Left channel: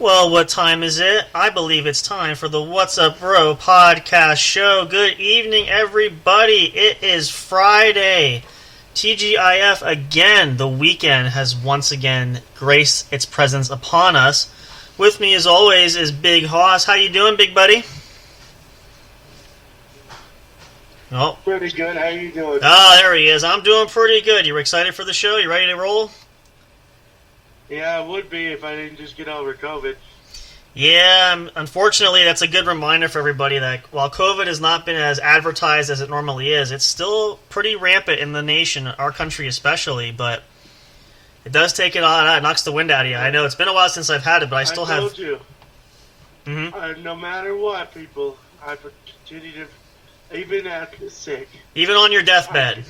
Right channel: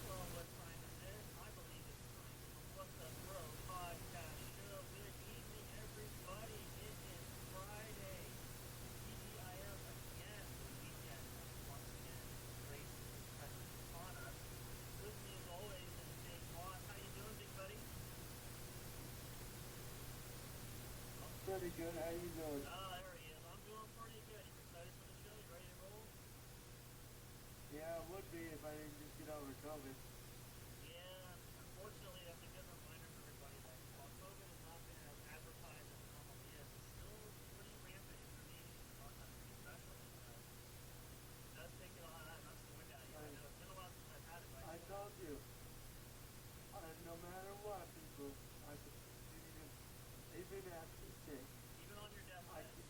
Well, what time is it? I believe it's time for the What's Up Bro podcast show. Good evening, everybody. It is Friday. TGIF again. The weekend has once again graced its presence upon us. With me, as always, is Big Hoss. How you doing, big buddy? Oh. Pretty good. How you doing? Ah, there he is. I'm doing pretty good. You excited for the show? You ready to roll? Yeah, I would be if I didn't just get over COVID. Yeah, unfortunately, that's a good reminder for everybody that while COVID has not been as advertised as it normally is, it's still pretty rampant in the nation, our country especially, but it does take it on. It knocks the wind out of you. I know it's been a while since I've had it, but I still have... I told you. Mm-hmm. No matter what, people, I continue to... Even after sick. Even on your deathbed.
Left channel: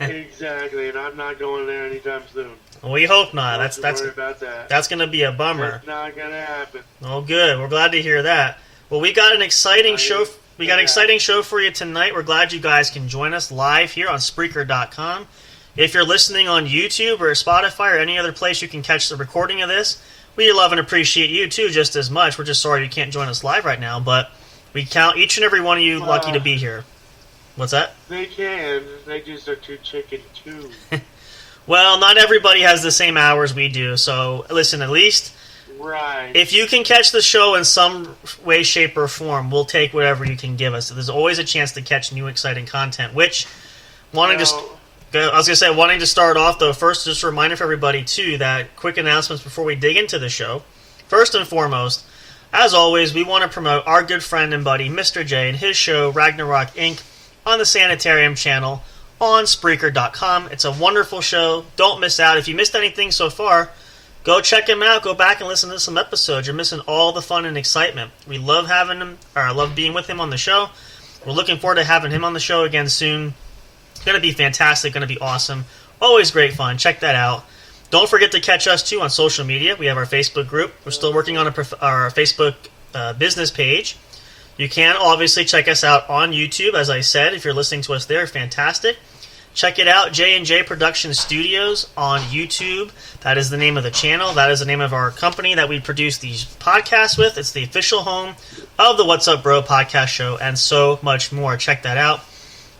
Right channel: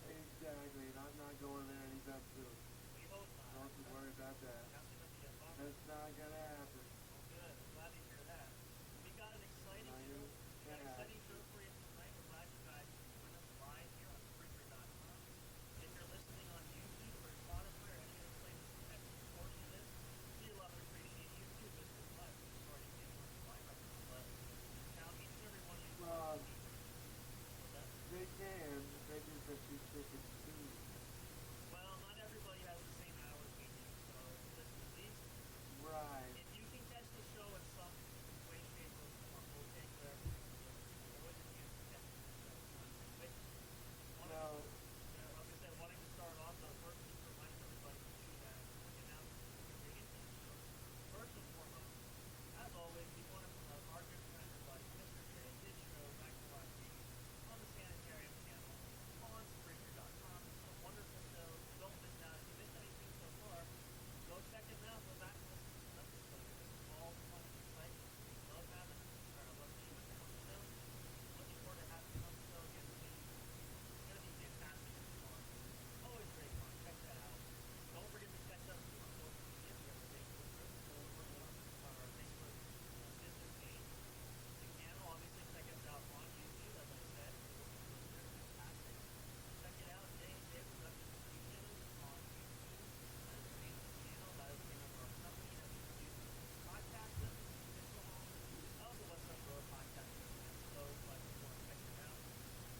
Exactly, and I'm not going there anytime soon. We hope not. That's going to be a bummer. That's not going to happen. Oh, good. We're glad to hear that. Well, we got an exciting show. We got an exciting show for you tonight. We're glad you guys can join us live here on Spreaker.com. If you're listening on YouTube or Spotify or any other place you can catch the recording of this, we love and appreciate you too just as much. We're just sorry you can't join us live right now, but we count each and every one of you lucky to be here. What's that? They can. They just are too chicken too. Well, not everybody has the same hours we do, so listen, at least if you can catch the show in some way, shape, or form, we'll take whatever you can give us. So there's always a chance to catch new, exciting content, wanting to start off, though, first, just a reminder for everybody, too, that quick announcements before we dig into the show. First and foremost, as always, we want to promote our good friend and buddy, Mr. J, and his show, Ragnarok Inc., on the Sanitarium channel on Spreaker.com. It's a wonderful show. Don't miss out. If you missed anything so far, go check him out. Go back and listen to some episodes. You're missing all the fun and excitement. We love having him, or I love being with him on the show. We're looking forward to having him on the show again soon. It's going to be fantastic. Going to be awesome. Always great fun. Check that out. Don't forget to catch us, too, on social media. We have our Facebook group. We're still working on our Facebook business page. You can obviously check us out on YouTube, as I said. If you're listening to us there, fantastic. Check it out, J&J Production Studios on YouTube. That is the name of the channel. That is the name of our company that we produce these podcasts with. It's the official home of the What's Up Bro podcast show and so much more. Check that out.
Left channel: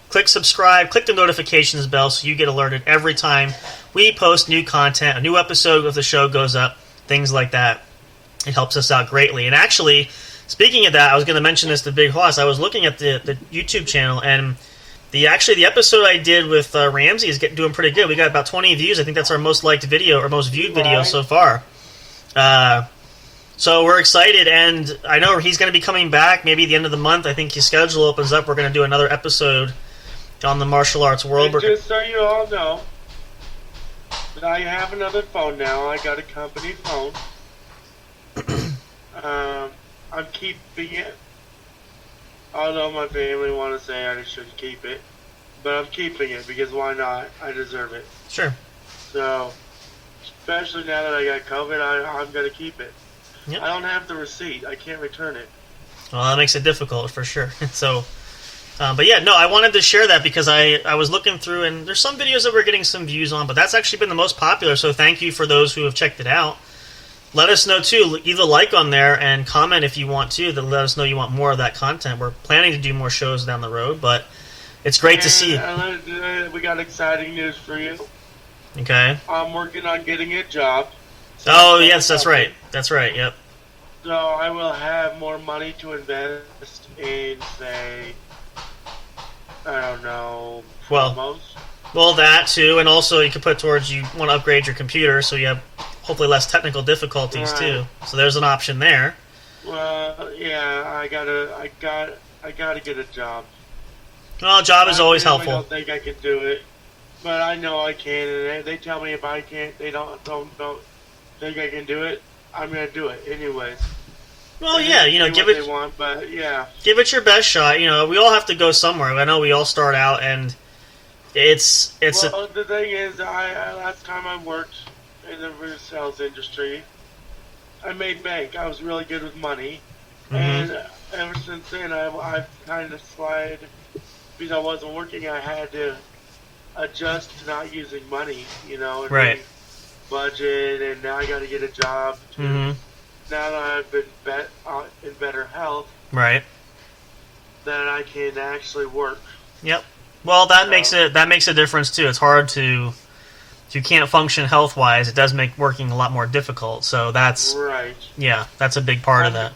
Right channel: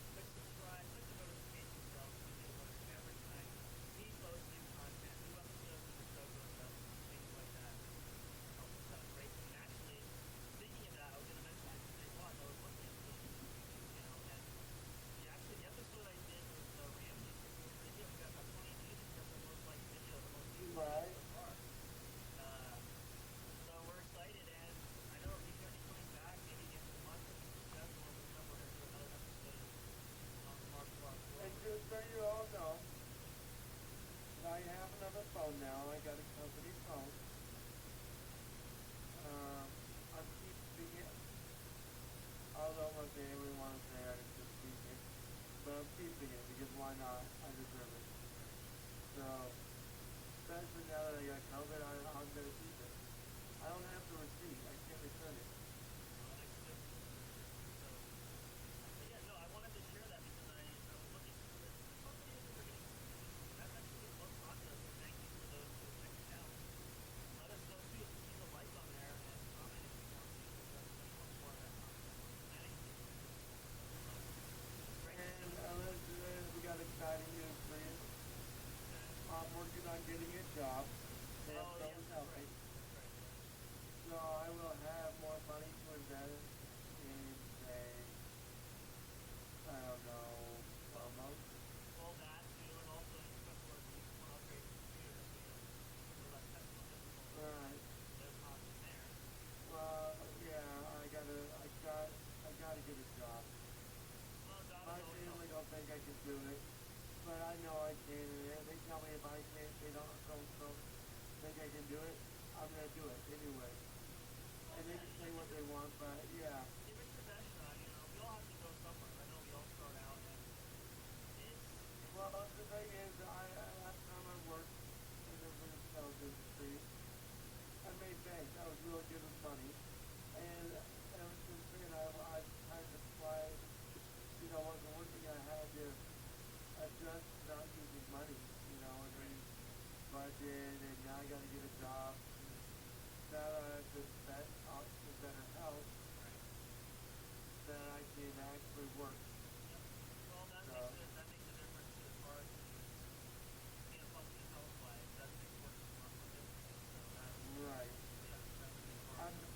Click subscribe, click the notifications bell so you get alerted every time we post new content, a new episode of the show goes up, things like that. It helps us out greatly. And actually, speaking of that, I was going to mention this to Big Hoss. I was looking at the YouTube channel, and the episode I did with Ramsey is doing pretty good. We got about 20 views. I think that's our most liked video or most viewed video so far. So we're excited, and I know he's going to be coming back maybe at the end of the month. I think his schedule opens up. We're going to do another episode on the martial arts world. And just so you all know, that I have another phone now. I got a company phone. I'm keeping it. Although my family want to say I shouldn't keep it. But I'm keeping it because why not? I deserve it. Sure. So, especially now that I got COVID, I'm going to keep it. Yep. I don't have the receipt. I can't return it. Well, that makes it difficult for sure. So, but yeah, no, I wanted to share that because I was looking through, and there's some videos that we're getting some views on, but that's actually been the most popular, so thank you for those who have checked it out. Let us know, too. Either like on there and comment if you want to. Then let us know you want more of that content. We're planning to do more shows down the road, but it's great to see. We got exciting news for you. Okay. I'm working on getting a job. So yes, that's right. That's right, yep. So I will have more money to invest in, say, I don't know, promos. Well, that, too. And also you could put towards you want to upgrade your computer so you have hopefully less technical difficulties too. So there's an option there. Well, yeah, I gotta get a job. Well, a job is always helpful. I don't think I can do it, but I know I can. And they tell me if I can't, they don't think I can do it. I'm gonna do it anyways. Well, yeah, give it. They want, but yeah, give it your best shot. We all have to go somewhere. I know we all start out, and it's. Well, the thing is, last time I worked in the sales industry, I made bank. I was really good with money, and ever since then, I've kind of slid because I wasn't working. I had to adjust to not using money, and right. Budget, and now I got to get a job. Now that I've been in better health, right, then I can actually work. Yep. Well, that makes a difference too. It's hard to. If you can't function health-wise, it does make working a lot more difficult. So that's right. Yeah, that's a big part of that.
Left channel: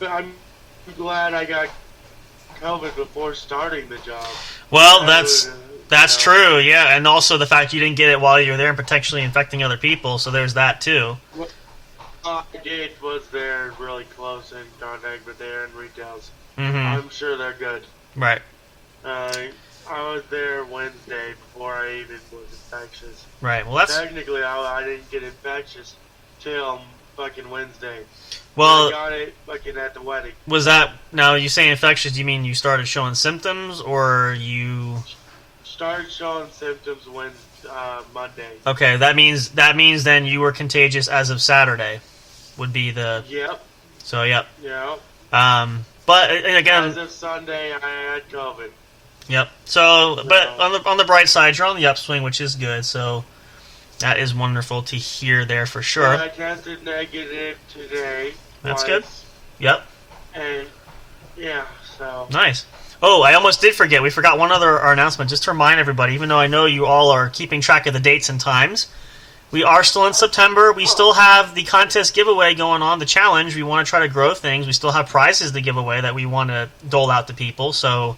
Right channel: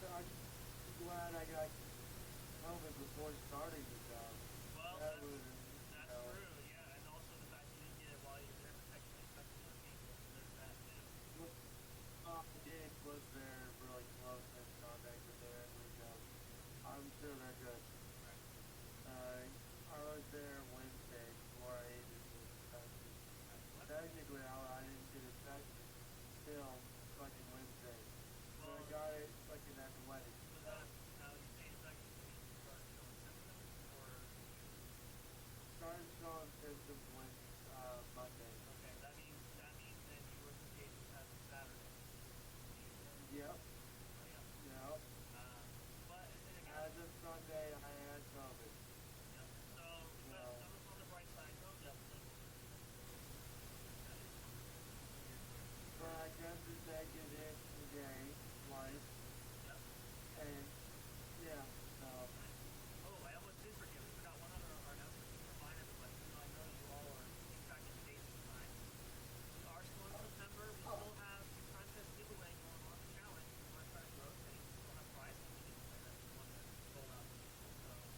But I'm glad I got COVID before starting the job. Well, that's true. Yeah, and also the fact you didn't get it while you were there and potentially infecting other people. So there's that too. What I did was they're really close in contact, but they're in retails. I'm sure they're good. Right. I was there Wednesday before I even was infectious. Right. Well, that's technically I didn't get infectious till fucking Wednesday. Well, I got it fucking at the wedding. Was that now? You say infectious? Do you mean you started showing symptoms, or you started showing symptoms Monday? Okay, that means then you were contagious as of Saturday. Would be the Yep. So yep. Yep. But again, as of Sunday, I had COVID. Yep. So, but on the bright side, you're on the upswing, which is good. So that is wonderful to hear there for sure. I tested negative today. That's good. Yep. And yeah, so nice. Oh, I almost did forget. We forgot one other announcement. Just to remind everybody, even though I know you all are keeping track of the dates and times, we are still in September. We still have the contest giveaway going on, the challenge. We want to try to grow things. We still have prizes to give away that we want to dole out to people. So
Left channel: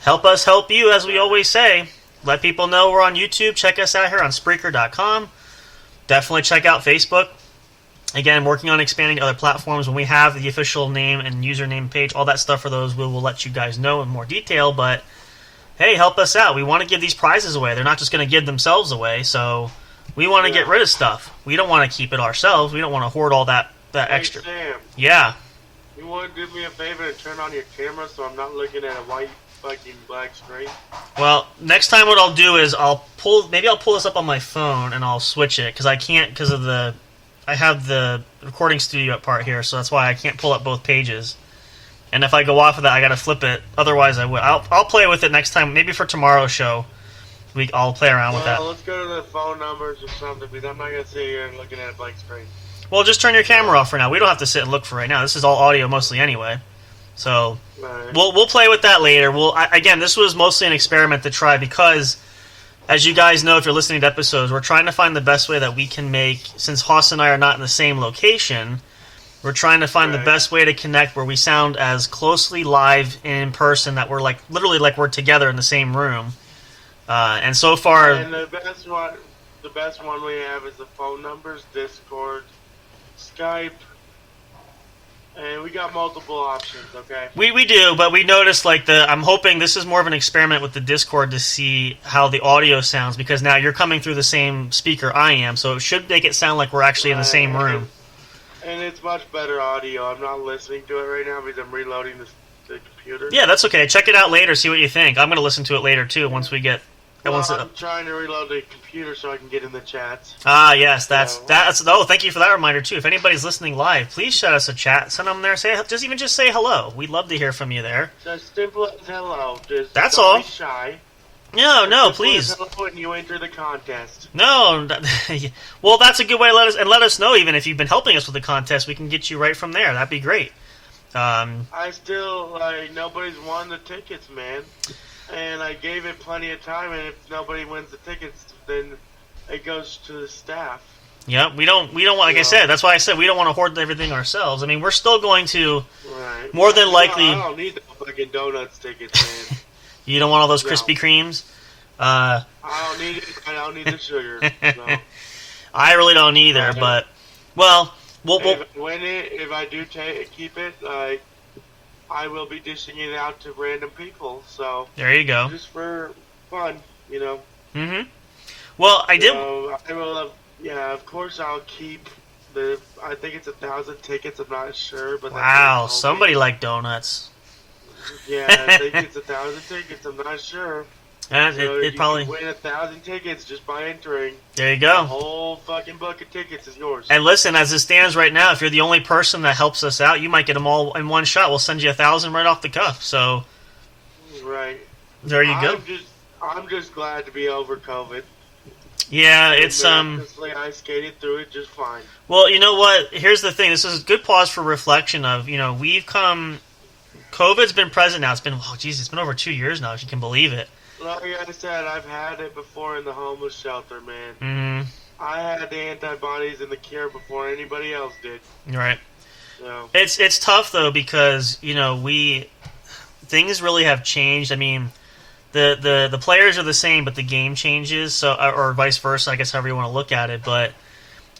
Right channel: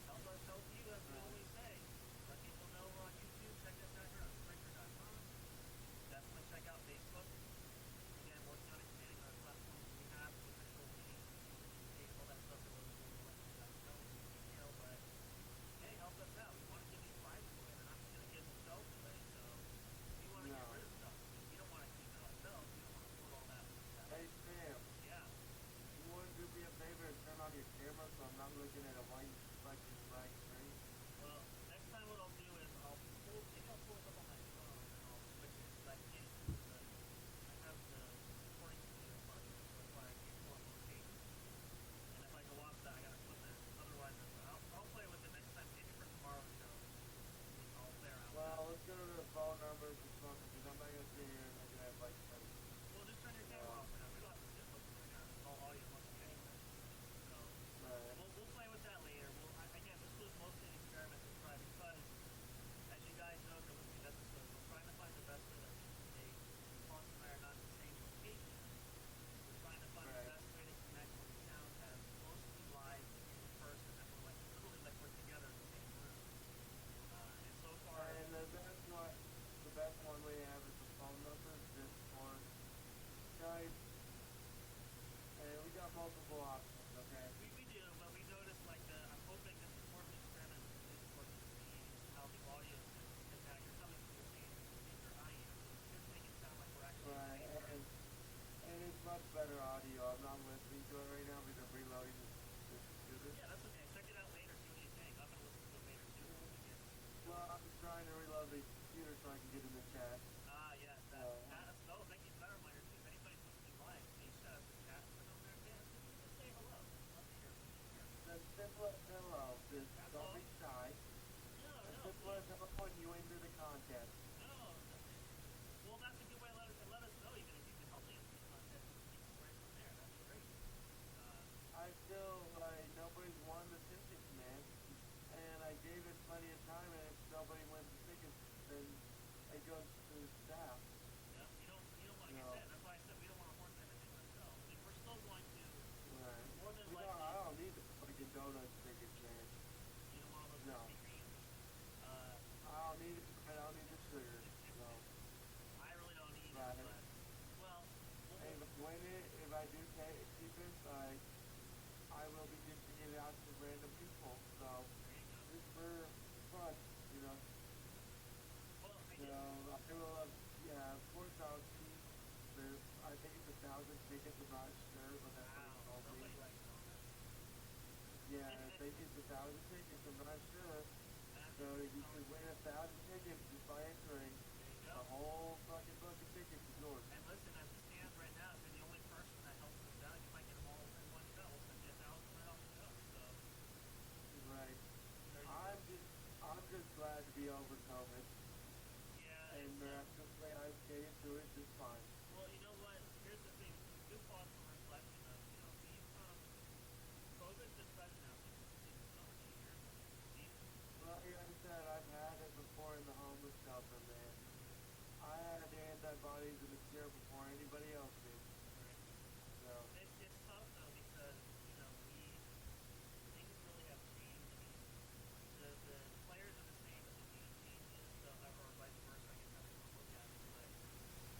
help us help you, as we always say. Let people know we're on YouTube. Check us out here on Spreaker.com. Definitely check out Facebook. Again, working on expanding to other platforms. When we have the official name and username page, all that stuff for those, we will let you guys know in more detail. But, hey, help us out. We want to give these prizes away. They're not just going to give themselves away. So we want to get rid of stuff. We don't want to keep it ourselves. We don't want to hoard all that extra. Sam, yeah. You want to do me a favor and turn on your camera so I'm not looking at a white fucking black screen? Well, next time what I'll do is I'll pull this up on my phone and I'll switch it because I can't because of I have the recording studio part here, so that's why I can't pull up both pages. And if I go off of that, I gotta flip it. Otherwise, I would. I'll play with it next time. Maybe for tomorrow's show, I'll play around with that. Well, let's go to the phone numbers or something because I'm not gonna sit here and looking at a blank screen. Well, just turn your camera off for now. We don't have to sit and look for right now. This is all audio mostly anyway. So we'll play with that later. Again, this was mostly an experiment to try because, as you guys know, if you're listening to episodes, we're trying to find the best way that we can make, since Haas and I are not in the same location, we're trying to find the best way to connect where we sound as closely live in person that we're literally like we're together in the same room. And so far, and the best one we have is the phone numbers, Discord, Skype. And we got multiple options, okay? We do, but we noticed I'm hoping this is more of an experiment with the Discord to see how the audio sounds, because now you're coming through the same speaker I am, so it should make it sound like we're actually in the same room. And it's much better audio. I'm not listening to it right now because I'm reloading the computer. Yeah, that's okay. Check it out later, see what you think. I'm going to listen to it later too once we get... I'm trying to reload the computer so I can get in the chats. Ah, yes, that's. Oh, thank you for that reminder too. If anybody's listening live, please shout us a chat. Send them there. Just say hello. We'd love to hear from you there. Just simple as hello. That's don't all. Be shy. No, please. Hello when you enter the contest. No, well, that's a good way to let us know. Even if you've been helping us with the contest, we can get you right from there. That'd be great. I still nobody's won the tickets, man. And I gave it plenty of time, and if nobody wins the tickets, then it goes to the staff. Yeah, we don't like I said, that's why I said we don't want to hoard everything ourselves. I mean, we're still going to, more than likely... I don't need the fucking donuts tickets, man. You don't want all those Krispy Kremes? I don't need it. I don't need the sugar. So. I really don't either, but well, if I do keep it, like I will be dishing it out to random people. So there you go. Just for fun, you know. Mm-hmm. Well, I did. I will. Yeah, of course I'll keep the. I think it's 1,000 tickets. I'm not sure, but wow, somebody liked donuts. Yeah, I think it's 1,000 tickets. I'm not sure. And so it probably can win 1,000 tickets just by entering. There you go. The whole fucking book of tickets is yours. And listen, as it stands right now, if you're the only person that helps us out, you might get them all in one shot. We'll send you 1,000 right off the cuff. So, right. There you go. I'm just glad to be over COVID. Yeah, it's I skated through it just fine. Well, you know what? Here's the thing. This is a good pause for reflection. Of we've come. COVID's been present now. It's been it's been over 2 years now. If you can believe it. Like I said, I've had it before in the homeless shelter, man. Mm-hmm. I had the antibodies and the cure before anybody else did. Right. So. It's tough though because things really have changed. I mean, the players are the same, but the game changes. So or vice versa, I guess however you want to look at it. But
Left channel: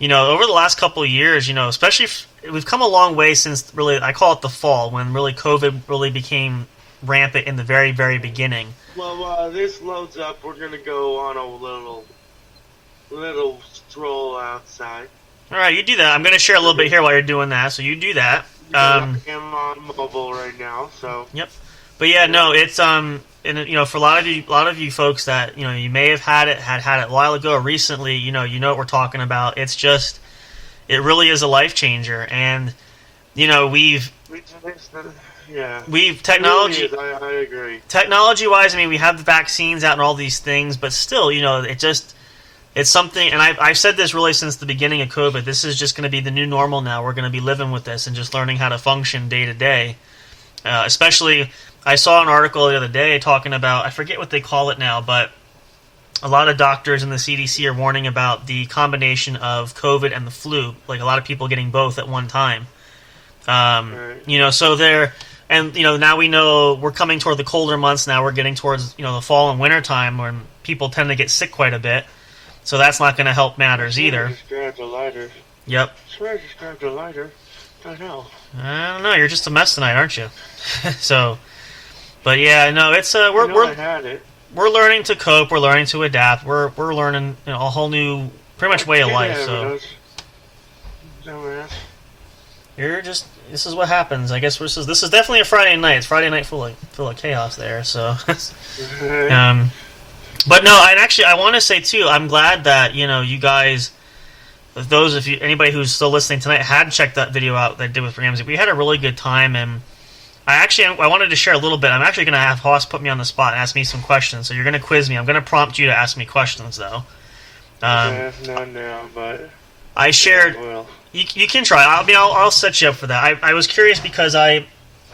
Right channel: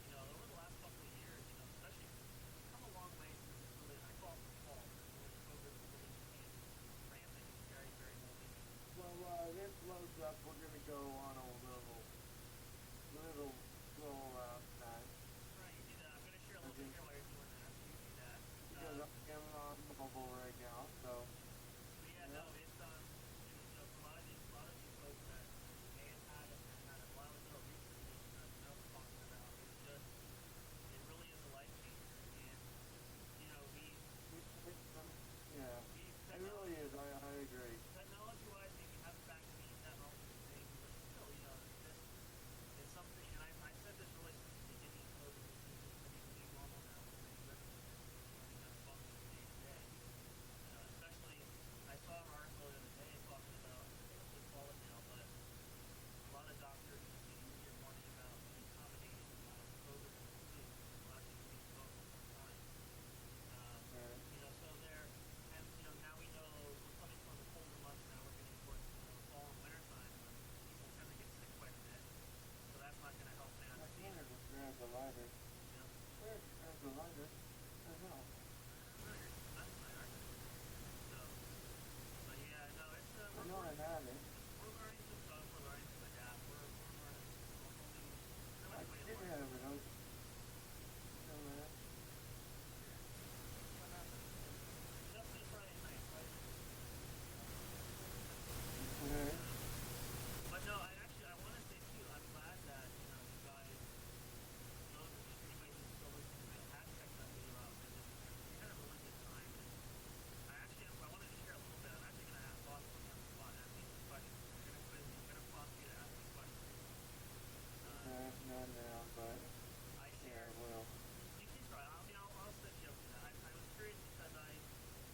over the last couple of years, especially we've come a long way since really I call it the fall when really COVID really became rampant in the very very beginning. Well, this loads up. We're gonna go on a little stroll outside. All right, you do that. I'm gonna share a little bit here while you're doing that. So you do that. I'm on mobile right now, so. Yep. But yeah, no, it's and for a lot of you folks that you may have had it a while ago or recently. You know what we're talking about. It's just it really is a life changer, and we've technology. It really is. I agree. Technology-wise, I mean, we have the vaccines out and all these things, but still, it's something. And I've said this really since the beginning of COVID. This is just going to be the new normal now. We're going to be living with this and just learning how to function day to day. Especially, I saw an article the other day talking about, I forget what they call it now, but a lot of doctors in the CDC are warning about the combination of COVID and the flu. Like a lot of people getting both at one time. Right. So they're. And, now we know we're coming toward the colder months now. We're getting towards, the fall and winter time when people tend to get sick quite a bit. So that's not going to help matters either. I just grabbed a lighter. Yep. I just grabbed a lighter. I know. I don't know. You're just a mess tonight, aren't you? So, but yeah, no, it's I had it. We're learning to cope. We're learning to adapt. We're learning a whole new, pretty much way of life. So. You're just. This is what happens. I guess this is definitely a Friday night. It's Friday night full of chaos there. So, but no, I want to say too. I'm glad that you guys, those of you, anybody who's still listening tonight, had checked that video out that I did with Ramsey. We had a really good time, and I wanted to share a little bit. I'm actually going to have Hoss put me on the spot and ask me some questions. So you're going to quiz me. I'm going to prompt you to ask me questions though. Not now, but I shared. Yeah, You can try. I'll set you up for that. I was curious because I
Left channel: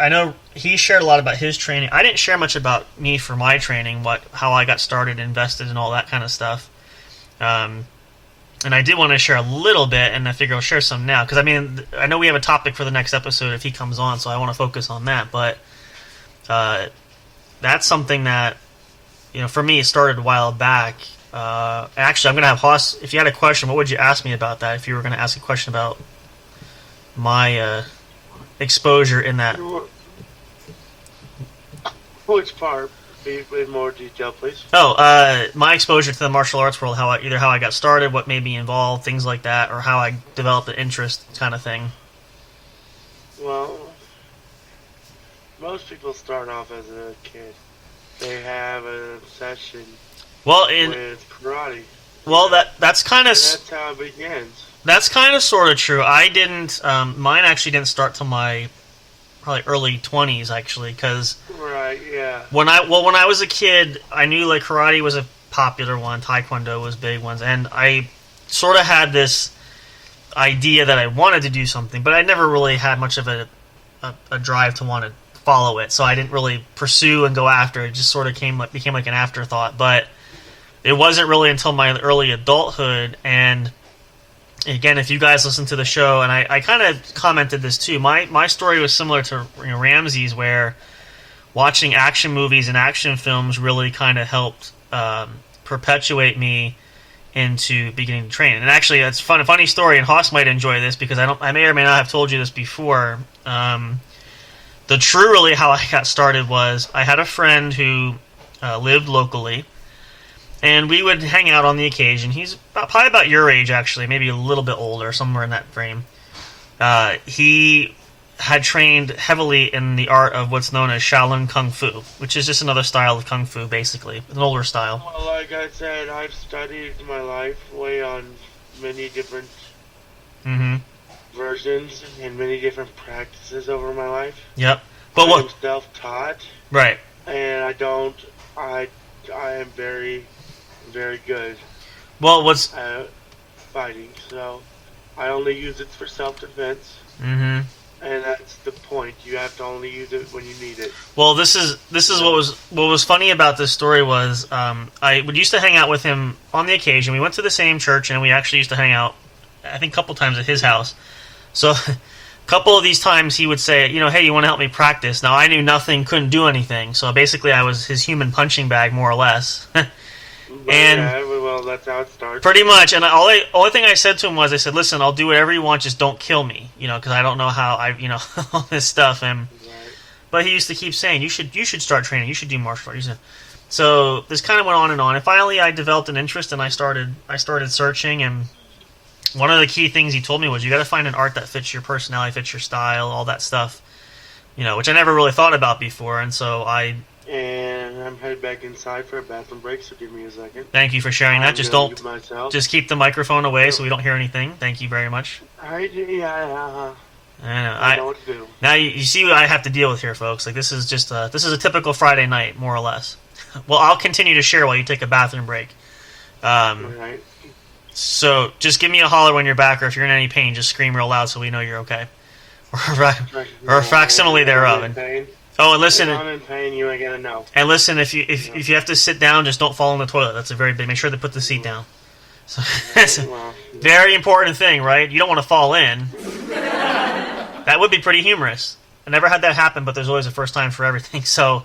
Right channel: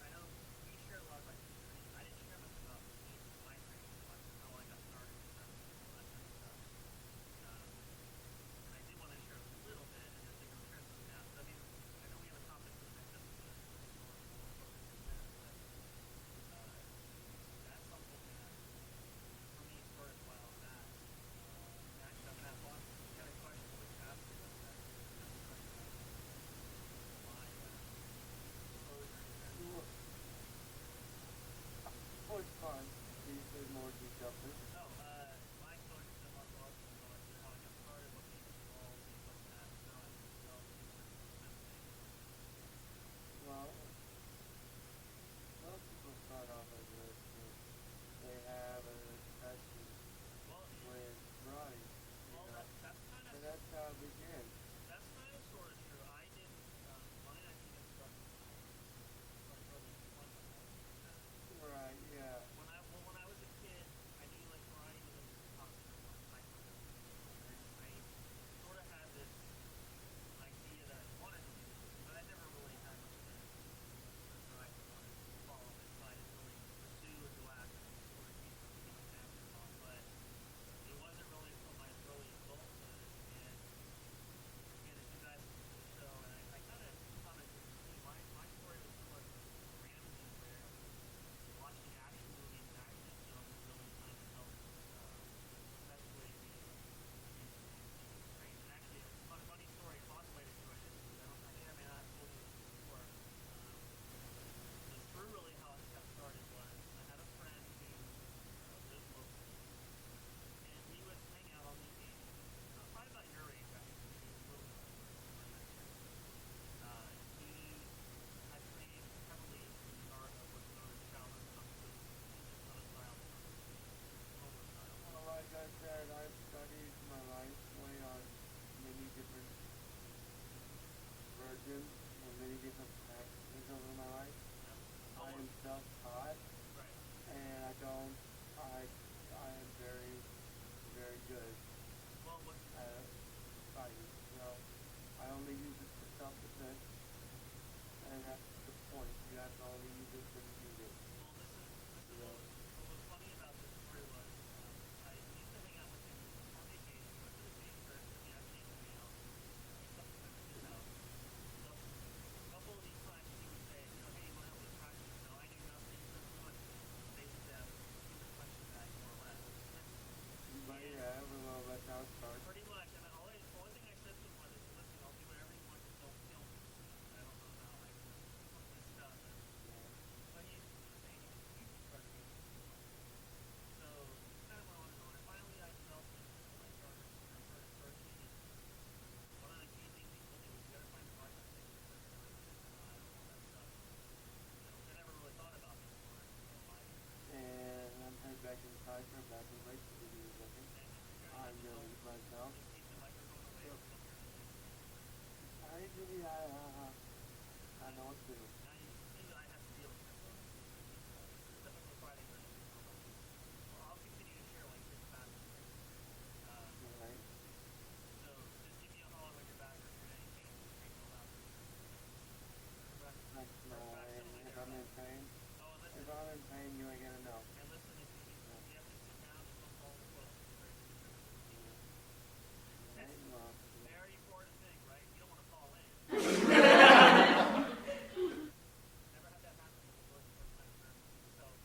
know he shared a lot about his training. I didn't share much about me for my training, how I got started, invested, and all that kind of stuff. And I did want to share a little bit, and I figure I'll share some now because I know we have a topic for the next episode if he comes on, so I want to focus on that. But that's something that for me it started a while back. Actually, I'm going to have Hoss, if you had a question, what would you ask me about that if you were going to ask a question about my exposure in that? Which part? Be in more detail, please. My exposure to the martial arts world, either how I got started, what made me involved, things like that, or how I developed an interest kind of thing. Well, most people start off as a kid. They have an obsession with karate. Well, that's kind of. That's how it begins. That's kind of sort of true. I didn't. Mine actually didn't start till my probably early 20s, actually, because. Right. Yeah. When I was a kid, I knew like karate was a popular one, taekwondo was big ones, and I sort of had this idea that I wanted to do something, but I never really had much of a drive to want to follow it, so I didn't really pursue and go after it. It just sort of became like an afterthought, but. It wasn't really until my early adulthood, and again, if you guys listen to the show, and I kind of commented this too, my story was similar to Ramsey's, where watching action movies and action films really kind of helped perpetuate me into beginning to train. And actually, that's a funny story, and Haas might enjoy this because I may or may not have told you this before. The true really how I got started was I had a friend who lived locally, and we would hang out on the occasion. He's probably about your age, actually, maybe a little bit older, somewhere in that frame. He had trained heavily in the art of what's known as Shaolin Kung Fu, which is just another style of Kung Fu, basically, an older style. Well, like I said, I've studied my life way on many different versions and many different practices over my life. Yep. But what? I'm self-taught. Right. And I am very, very good. Well, what's at fighting, so I only use it for self-defense. And that's the point. You have to only use it when you need it. Well, this is what was funny about this story was I would used to hang out with him on the occasion. We went to the same church, and we actually used to hang out, I think, a couple times at his house. So, a couple of these times he would say, hey, you want to help me practice? Now, I knew nothing, couldn't do anything. So basically, I was his human punching bag, more or less. And yeah, well, that's how it starts. Pretty much. And only thing I said to him was, I said, listen, I'll do whatever you want, just don't kill me, because I don't know how all this stuff. And but he used to keep saying, you should start training, you should do martial arts. So this kind of went on, and finally I developed an interest, and I started searching. And one of the key things he told me was, you got to find an art that fits your personality, fits your style, all that stuff, which I never really thought about before. And so And I'm headed back inside for a bathroom break, so give me a second. Thank you for sharing that. Just keep the microphone away so we don't hear anything. Thank you very much. I know. I know what to do. Now you see what I have to deal with here, folks. Like this is a typical Friday night, more or less. Well, I'll continue to share while you take a bathroom break. Right. So just give me a holler when you're back, or if you're in any pain, just scream real loud so we know you're okay. Or a facsimile thereof. Oh, and listen. If I'm in pain, you ain't gonna know. And listen, if you have to sit down, just don't fall in the toilet. That's a very big. Make sure they put the seat down. So that's a very important thing, right? You don't want to fall in. That would be pretty humorous. I never had that happen, but there's always a first time for everything. So,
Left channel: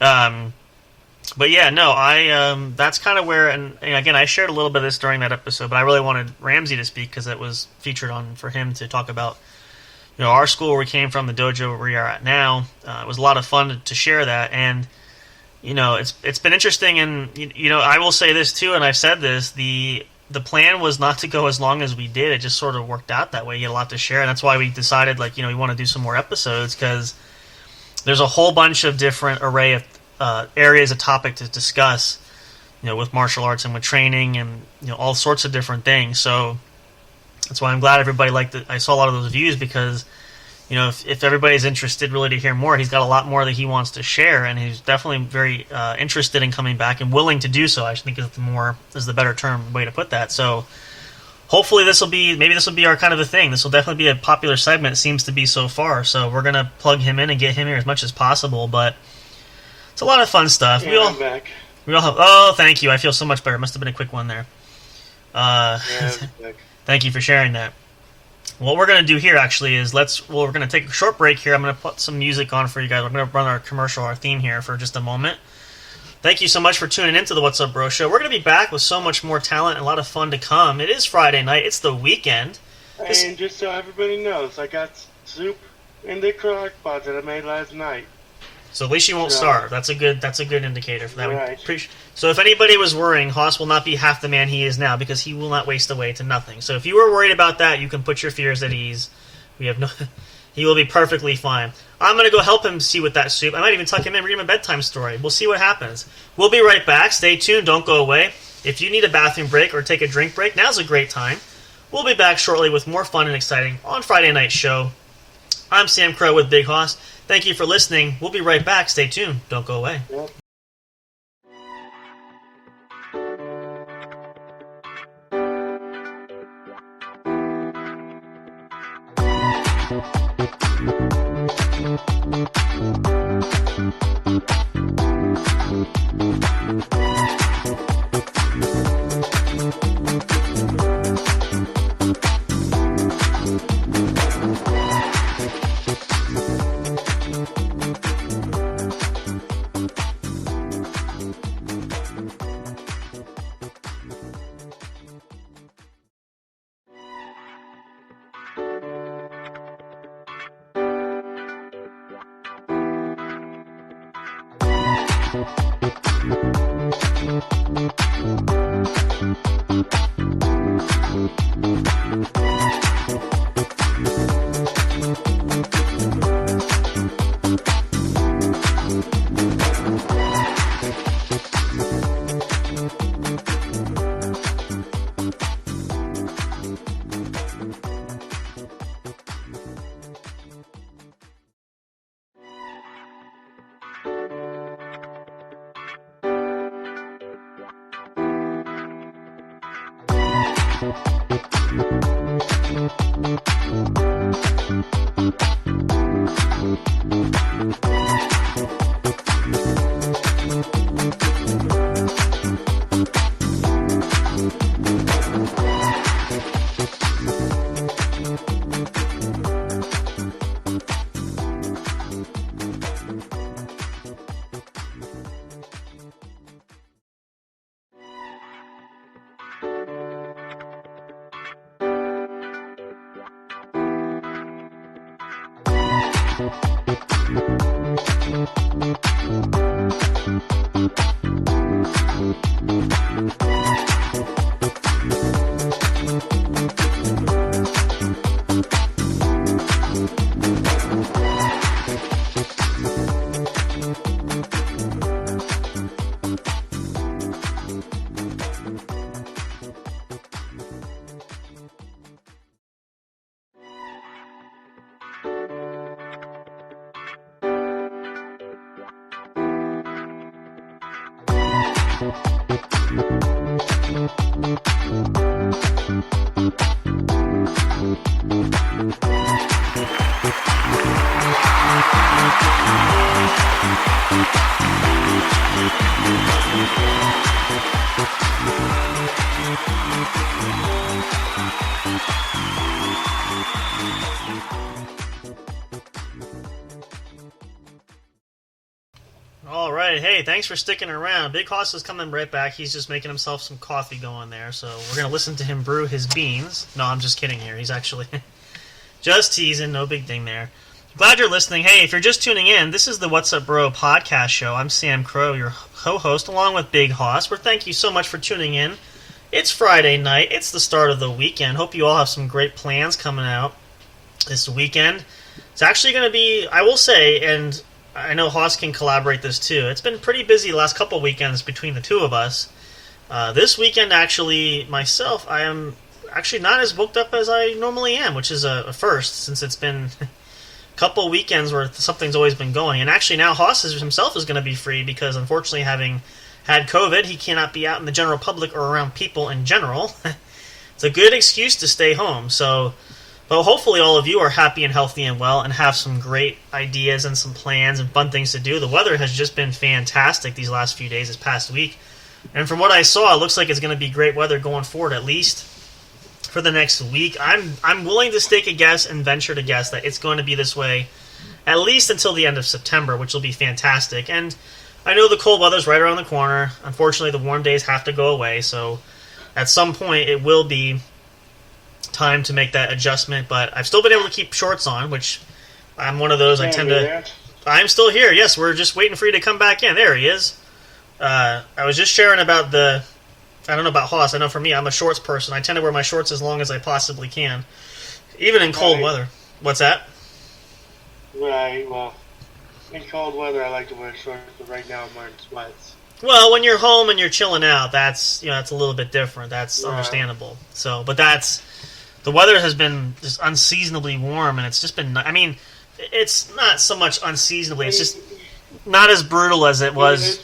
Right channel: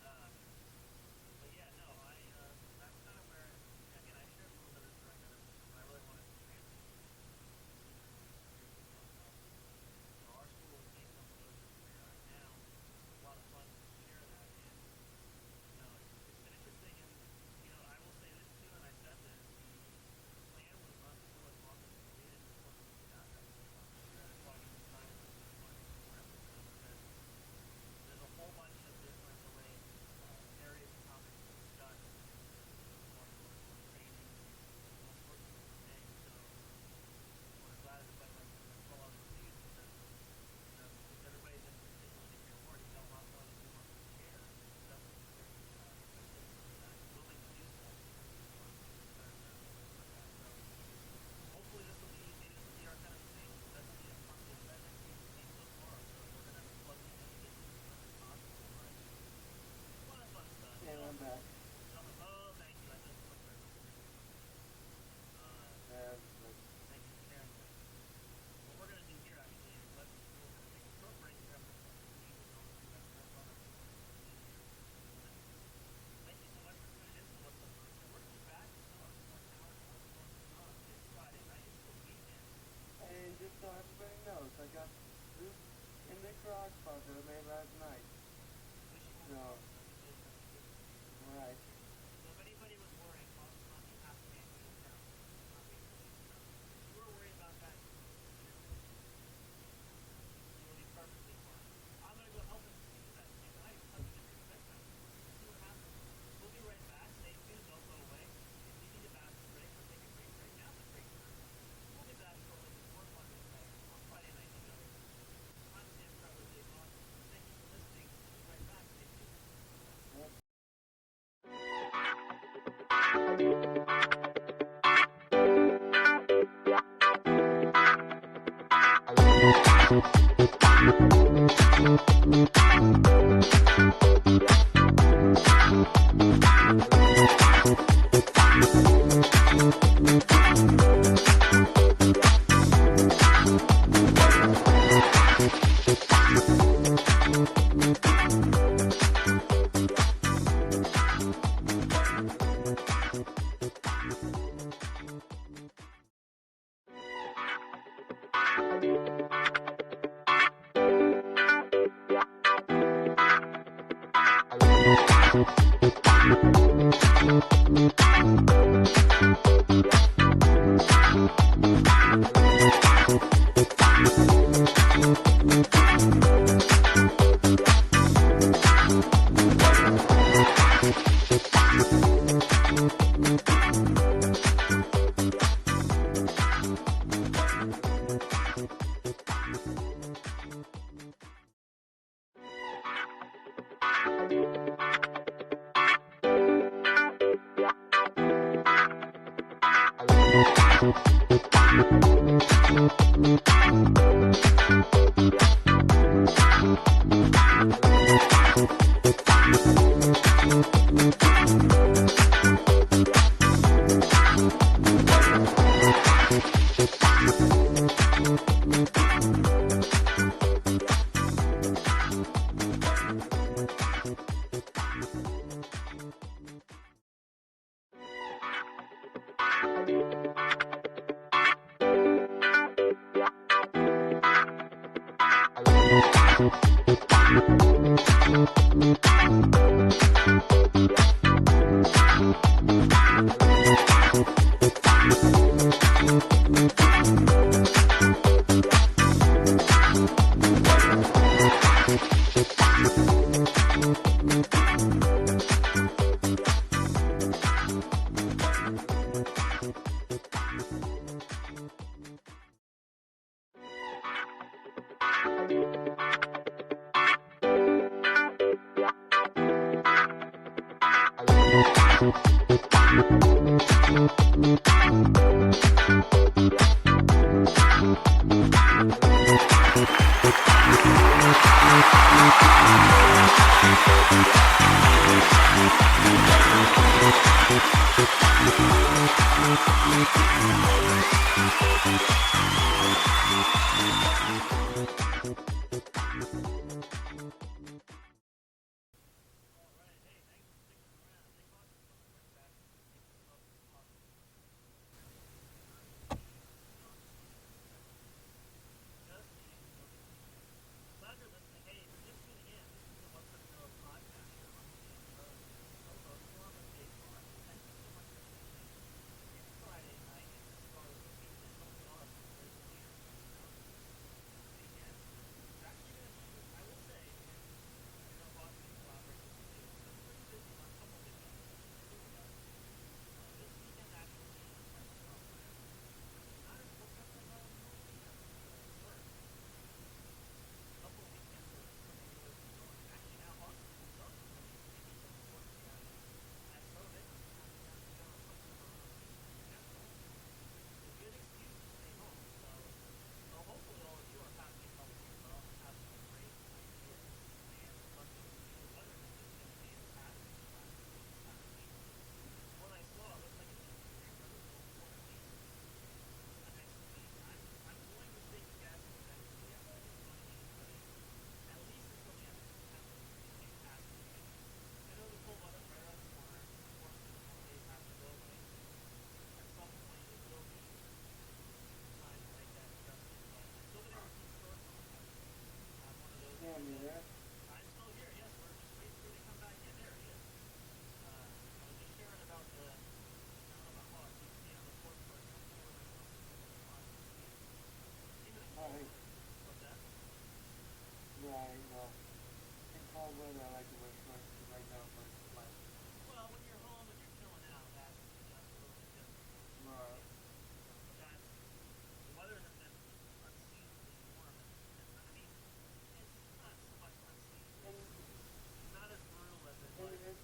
but yeah, no, that's kind of where, and again, I shared a little bit of this during that episode, but I really wanted Ramsey to speak because it was featured for him to talk about. Our school where we came from, the dojo where we are at now, it was a lot of fun to share that. And, it's been interesting. And, I will say this too, and I've said this, the plan was not to go as long as we did. It just sort of worked out that way. You had a lot to share. And that's why we decided, we want to do some more episodes because there's a whole bunch of different array of areas of topic to discuss, with martial arts and with training and, all sorts of different things. So, that's why I'm glad everybody liked it. I saw a lot of those views because, if everybody's interested really to hear more, he's got a lot more that he wants to share, and he's definitely very interested in coming back and willing to do so. I think is the better way to put that. So hopefully this will be our kind of a thing. This will definitely be a popular segment. It seems to be so far. So we're gonna plug him in and get him here as much as possible. But it's a lot of fun stuff. Yeah, I'm back. We all have. Oh, thank you. I feel so much better. It must have been a quick one there. Thank you for sharing that. What we're going to do here actually is we're going to take a short break here. I'm going to put some music on for you guys. We're going to run our theme here for just a moment. Thank you so much for tuning into the What's Up Bro Show. We're going to be back with so much more talent and a lot of fun to come. It is Friday night. It's the weekend. And just so everybody knows, I got soup in the crock pot that I made last night. So at least you won't starve. That's a good indicator for that. Right. So if anybody was worrying, Haas will not be half the man he is now because he will not waste away to nothing. So if you were worried about that, you can put your fears at ease. He will be perfectly fine. I'm going to go help him see with that soup. I might even tuck him in, read him a bedtime story. We'll see what happens. We'll be right back. Stay tuned. Don't go away. If you need a bathroom break or take a drink break, now's a great time. We'll be back shortly with more fun and exciting on Friday Night Show. I'm Sam Crow with Big Hoss. Thank you for listening. We'll be right back. Stay tuned. Don't go away. Yep. All right, hey, thanks for sticking around. Big Hoss is coming right back. He's just making himself some coffee going there, so we're going to listen to him brew his beans. No, I'm just kidding here. He's actually just teasing. No big thing there. Glad you're listening. Hey, if you're just tuning in, this is the What's Up Bro podcast show. I'm Sam Crow, your co-host, along with Big Hoss. Thank you so much for tuning in. It's Friday night. It's the start of the weekend. Hope you all have some great plans coming out this weekend. It's actually going to be, I will say, and I know Hoss can collaborate this too. It's been pretty busy the last couple weekends between the two of us. This weekend, actually, myself, I am actually not as booked up as I normally am, which is a first, since it's been a couple weekends where something's always been going. And actually now Hoss himself is going to be free because, unfortunately, having had COVID, he cannot be out in the general public or around people in general. It's a good excuse to stay home. So, well, hopefully all of you are happy and healthy and well and have some great ideas and some plans and fun things to do. The weather has just been fantastic these last few days, this past week. And from what I saw, it looks like it's going to be great weather going forward, at least for the next week. I'm willing to stake a guess and venture to guess that it's going to be this way at least until the end of September, which will be fantastic. And I know the cold weather's right around the corner. Unfortunately, the warm days have to go away, so at some point it will be time to make that adjustment, but I've still been able to keep shorts on, which I'm one of those. I'm still here. Yes, we're just waiting for you to come back in. There he is. I was just sharing about I don't know about Hoss. I know for me, I'm a shorts person. I tend to wear my shorts as long as I possibly can, even in cold weather. What's that? Right, well, in cold weather, I like to wear shorts, but right now I'm wearing sweats. Well, when you're home and you're chilling out, that's a little bit different. That's understandable. So, but the weather has been just unseasonably warm, and it's just been. I mean, it's not so much unseasonably. It's just not as brutal as it was.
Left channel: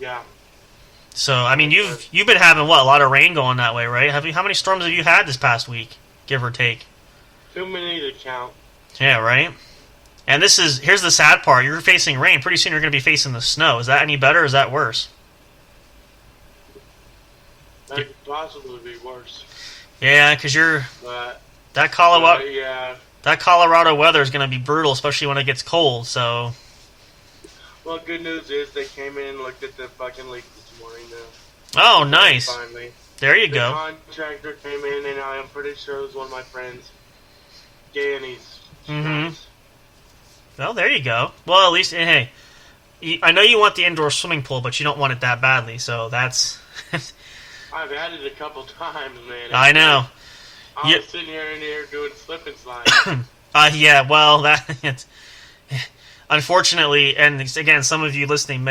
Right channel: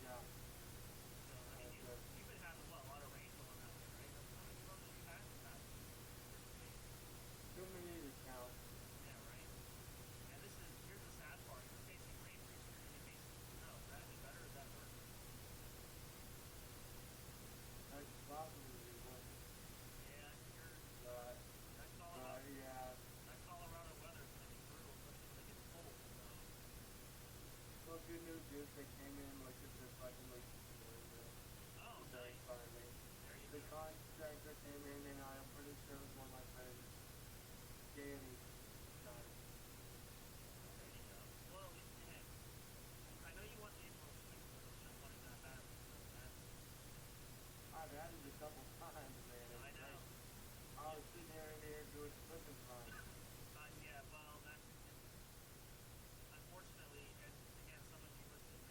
Yeah. So, I mean, you've been having a lot of rain going that way, right? How many storms have you had this past week, give or take? Too many to count. Yeah, right. And here's the sad part. You're facing rain. Pretty soon you're going to be facing the snow. Is that any better or is that worse? That could possibly be worse. Yeah, because that Colorado weather is going to be brutal, especially when it gets cold. So. Well, good news is they came in and looked at the fucking leak this morning. Oh, nice. Finally. There you go. The contractor came in, and I'm pretty sure it was one of my friends. Annie's. Mm-hmm. Well, there you go. Well, at least, hey, I know you want the indoor swimming pool, but you don't want it that badly, so that's... I've had it a couple times, man. I know. I was sitting here doing slip and slide. Yeah, well, unfortunately, and again, some of you listening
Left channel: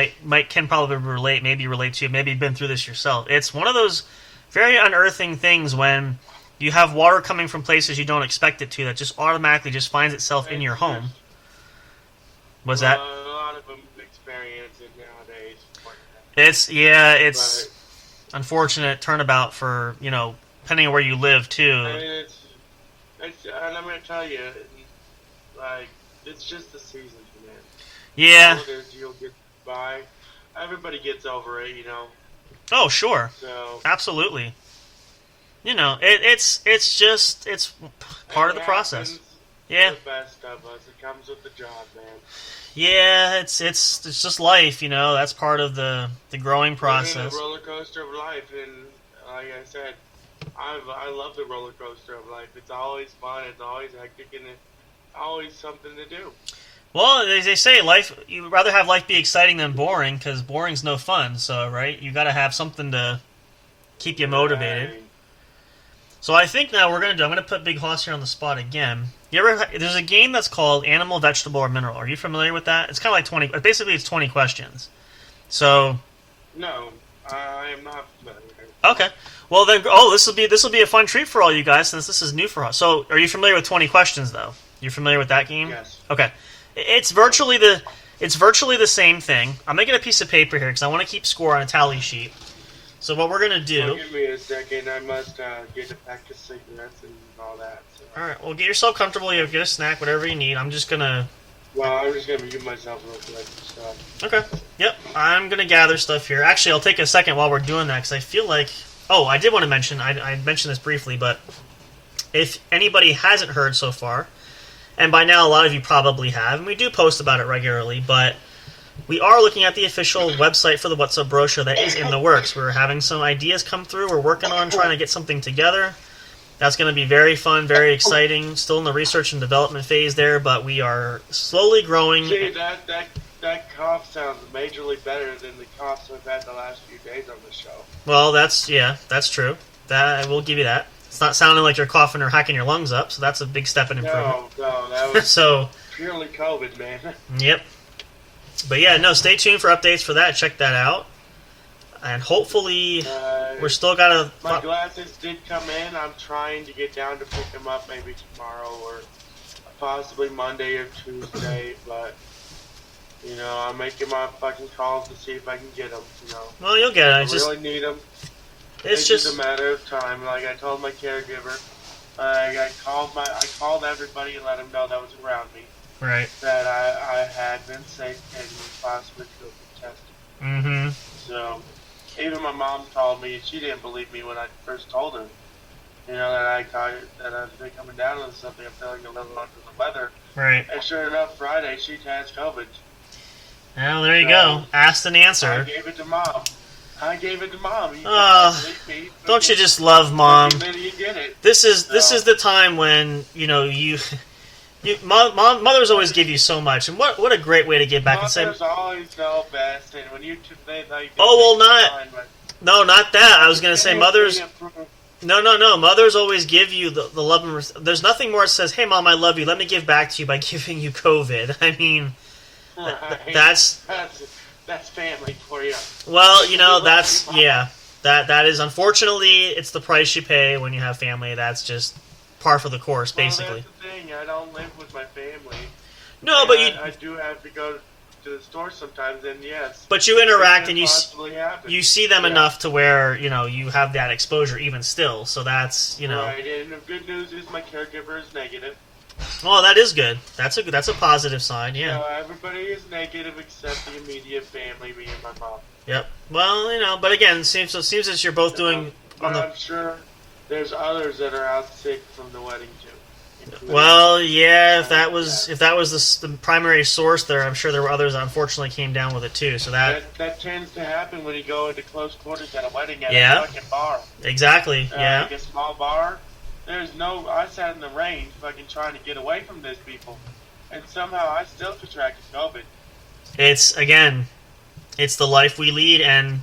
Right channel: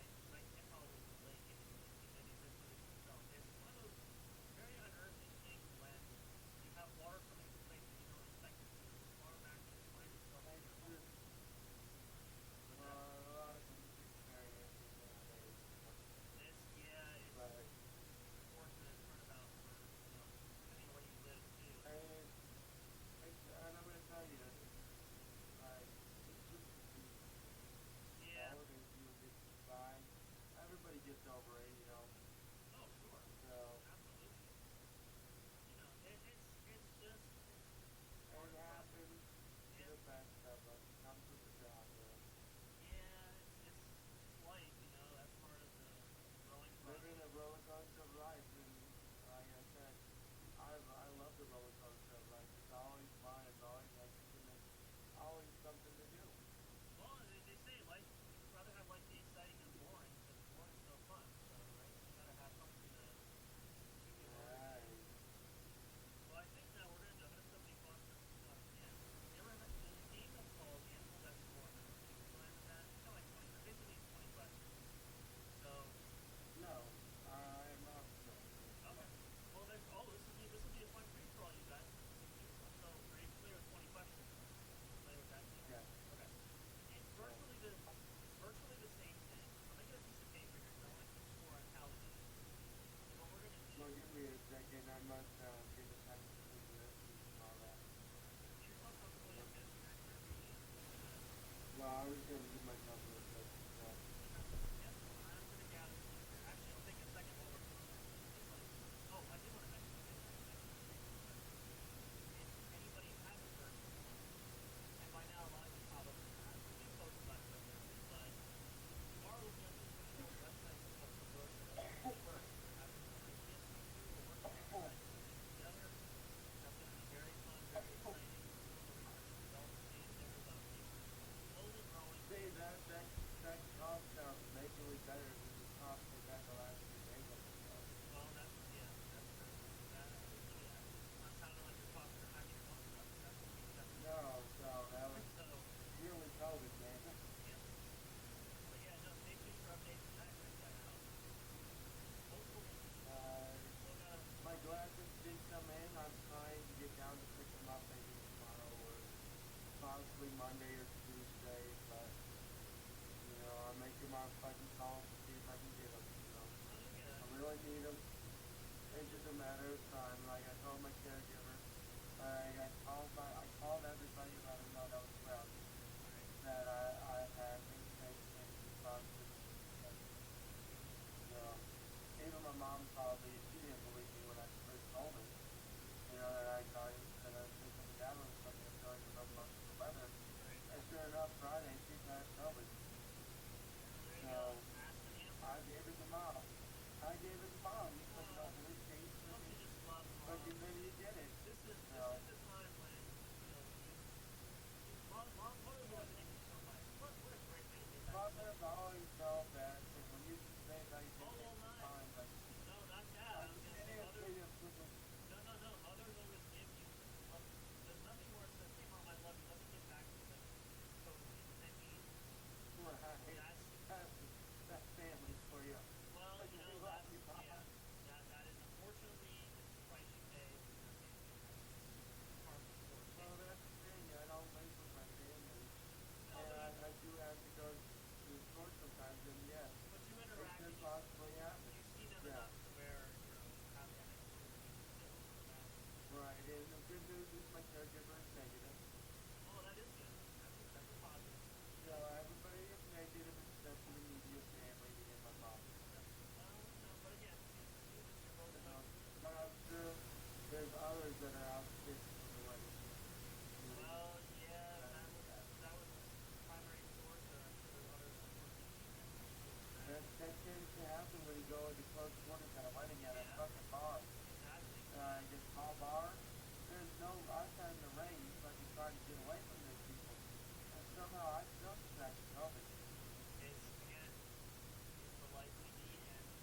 can probably relate to, maybe been through this yourself. It's one of those very unearthing things when you have water coming from places you don't expect it to that just automatically just finds itself in your home. Was that? A lot of them experience it nowadays. It's unfortunate turnabout for, depending on where you live too. I mean, and I'm gonna tell you, like, it's just the season, man. Yeah. You'll get by. Everybody gets over it, Oh, sure. So absolutely. It's part of the process. Yeah. The best of us. It comes with the job, man. Yeah, it's just life, That's part of the growing process. It's a roller coaster of life, and like I said, I love the roller coaster of life. It's always fun. It's always hectic, and it's always something to do. Well, they say you'd rather have life be exciting than boring, because boring's no fun. So, right, you got to have something to keep you motivated. Right. So I think now I'm gonna put Big Hoss here on the spot again. There's a game that's called Animal, Vegetable, or Mineral. Are you familiar with that? It's kind of like 20. Basically, it's 20 questions. So. No, I am not familiar. Okay. Well then, this will be a fun treat for all you guys since this is new for us. So, are you familiar with 20 questions though? You familiar with that game? Yes. Okay. It's virtually the same thing. I'm making a piece of paper here because I want to keep score on a tally sheet. So what we're gonna do? Give me a second. I must get a pack of cigarettes and all that. So. All right. Well, get yourself comfortable. You get a snack, whatever you need. I'm just gonna. Well, I'm just gonna give myself real quick. So. Okay. Yep. I'm gonna gather stuff here. Actually, I'll take a second while we're doing that because I feel like. Oh, I did want to mention. I mentioned this briefly, but if anybody hasn't heard so far, and by now a lot of you probably have, and we do post about it regularly, but. We are looking at the official website for the What's Up Bro Show that is in the works. We're having some ideas come through. We're working on trying to get something together. That's going to be very fun, very exciting. Still in the research and development phase there, but we are slowly growing. See, that cough sounds majorly better than the coughs we've had the last few days on the show. Well, that's true. That I will give you that. It's not sounding like you're coughing or hacking your lungs up, so that's a big step in improvement. No, that was so purely COVID, man. Yep. But yeah, no, stay tuned for updates for that. Check that out. And hopefully, we're still got to... My glasses did come in. I'm trying to get down to pick them up maybe tomorrow or possibly Monday or Tuesday. But, I'm making my fucking calls to see if I can get them, Well, you'll get it. I really need them. It's just a matter of time. Like I told my caregiver, I called everybody and let them know that was around me. Right. That I had been sick and possibly could be tested. Mm-hmm. So, even my mom told me, she didn't believe me when I first told her, that I've been coming down with something. I'm feeling a little under the weather. Right. And sure enough, Friday she has COVID. Well, there you go. Asked and answered. I gave it to mom. Don't you just love mom? You get it. This is the time when mothers always give you so much, and what a great way to give back and say. Mothers always know best, and when you not that. I was gonna say mothers. No. Mothers always give you the love and there's nothing more that says, "Hey, mom, I love you. Let me give back to you by giving you COVID." I mean, right. that's family for you. Well, that is unfortunately it's the price you pay when you have family. That's just par for the course, basically. That's the thing. I don't live with my family. No, but I do have to go to the store sometimes, and yes. But you interact and you see them enough to where you have that exposure even still. So that's Right, and the good news is my caregiver is negative. Oh, that is good. That's a positive sign. Yeah. So everybody is negative except the immediate family, me and my mom. Yep. Well, but again, it seems that you're both doing. I'm sure there's others that are out sick from the wedding too. Well, yeah. If that was the primary source there, I'm sure there were others that unfortunately came down with it too. So that tends to happen when you go into close quarters at a wedding at a fucking bar. Exactly. Yeah. Like a small bar. I sat in the rain fucking trying to get away from these people, and somehow I still contracted COVID. It's the life we lead, and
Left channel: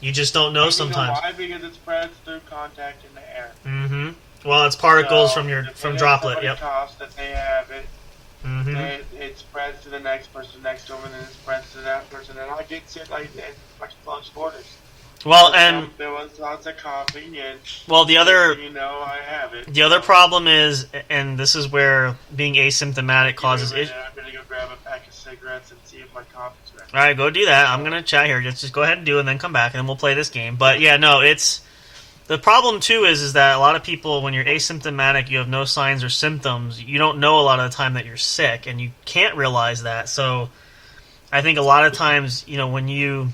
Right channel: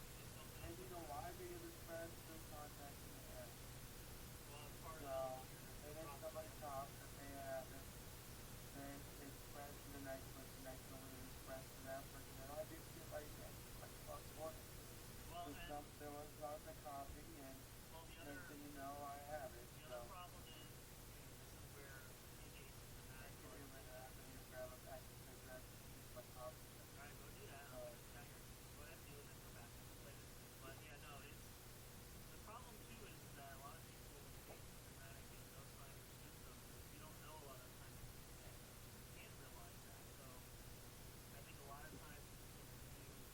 you just don't know sometimes. You know why? Because it spreads through contact in the air. Mm-hmm. Well, it's particles So, from droplet. Yep. Coughs that they have it. Mm-hmm. It spreads to the next person next to them, and then it spreads to that person, and I get sick like that, like close quarters. Well, and there was lots of coughing, and the other, I have it. The other problem is, and this is where being asymptomatic causes issues. I'm gonna go grab a pack of cigarettes and see if my cough is ready. All right, go do that. I'm gonna chat here. Just go ahead and do it, and then come back, and then we'll play this game. But yeah, no, it's the problem too is that a lot of people, when you're asymptomatic, you have no signs or symptoms. You don't know a lot of the time that you're sick, and you can't realize that. So, I think a lot of times, when you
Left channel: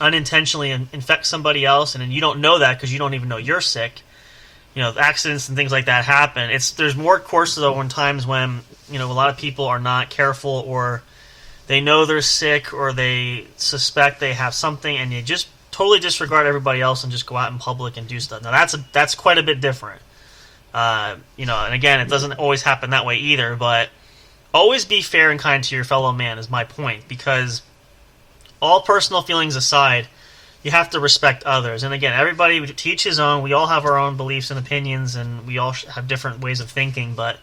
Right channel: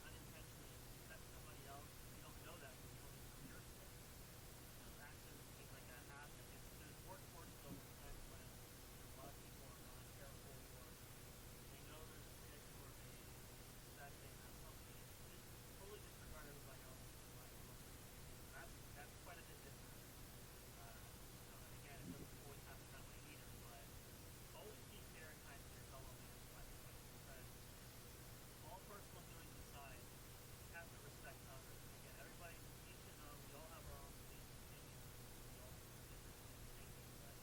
unintentionally infect somebody else, and then you don't know that because you don't even know you're sick. Accidents and things like that happen. There's more courses though when times when a lot of people are not careful, or they know they're sick, or they suspect they have something, and you just totally disregard everybody else and just go out in public and do stuff. Now that's quite a bit different. And again, it doesn't always happen that way either. But always be fair and kind to your fellow man is my point, because all personal feelings aside, you have to respect others. And again, everybody to each his own. We all have our own beliefs and opinions, and we all have different ways of thinking. But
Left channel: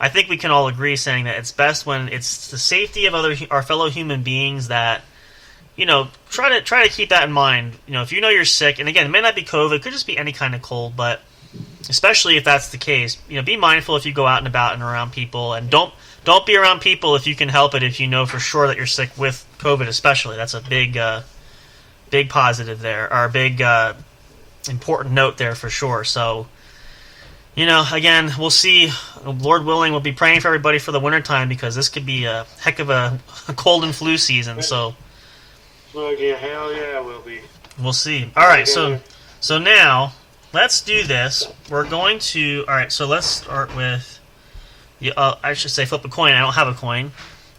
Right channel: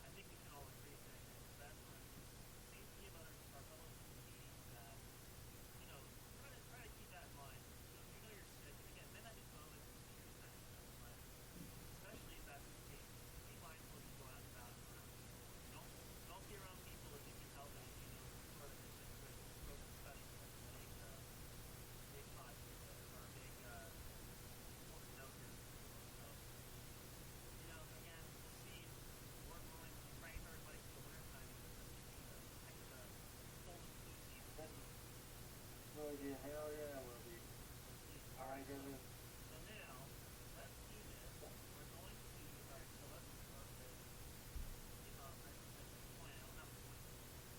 I think we can all agree saying that it's best when it's the safety of our fellow human beings that, try to keep that in mind. If you know you're sick, and again, it may not be COVID, it could just be any kind of cold, but especially if that's the case, be mindful if you go out and about and around people, and don't be around people if you can help it, if you know for sure that you're sick with COVID especially. That's a big positive there, or a big important note there for sure. So, again, we'll see. Lord willing, we'll be praying for everybody for the wintertime, because this could be a heck of a cold and flu season. So, well, yeah, hell yeah, we'll be. We'll see. All right, so now let's do this. We're going to. All right, so let's start with. I should say flip a coin. I don't have a coin.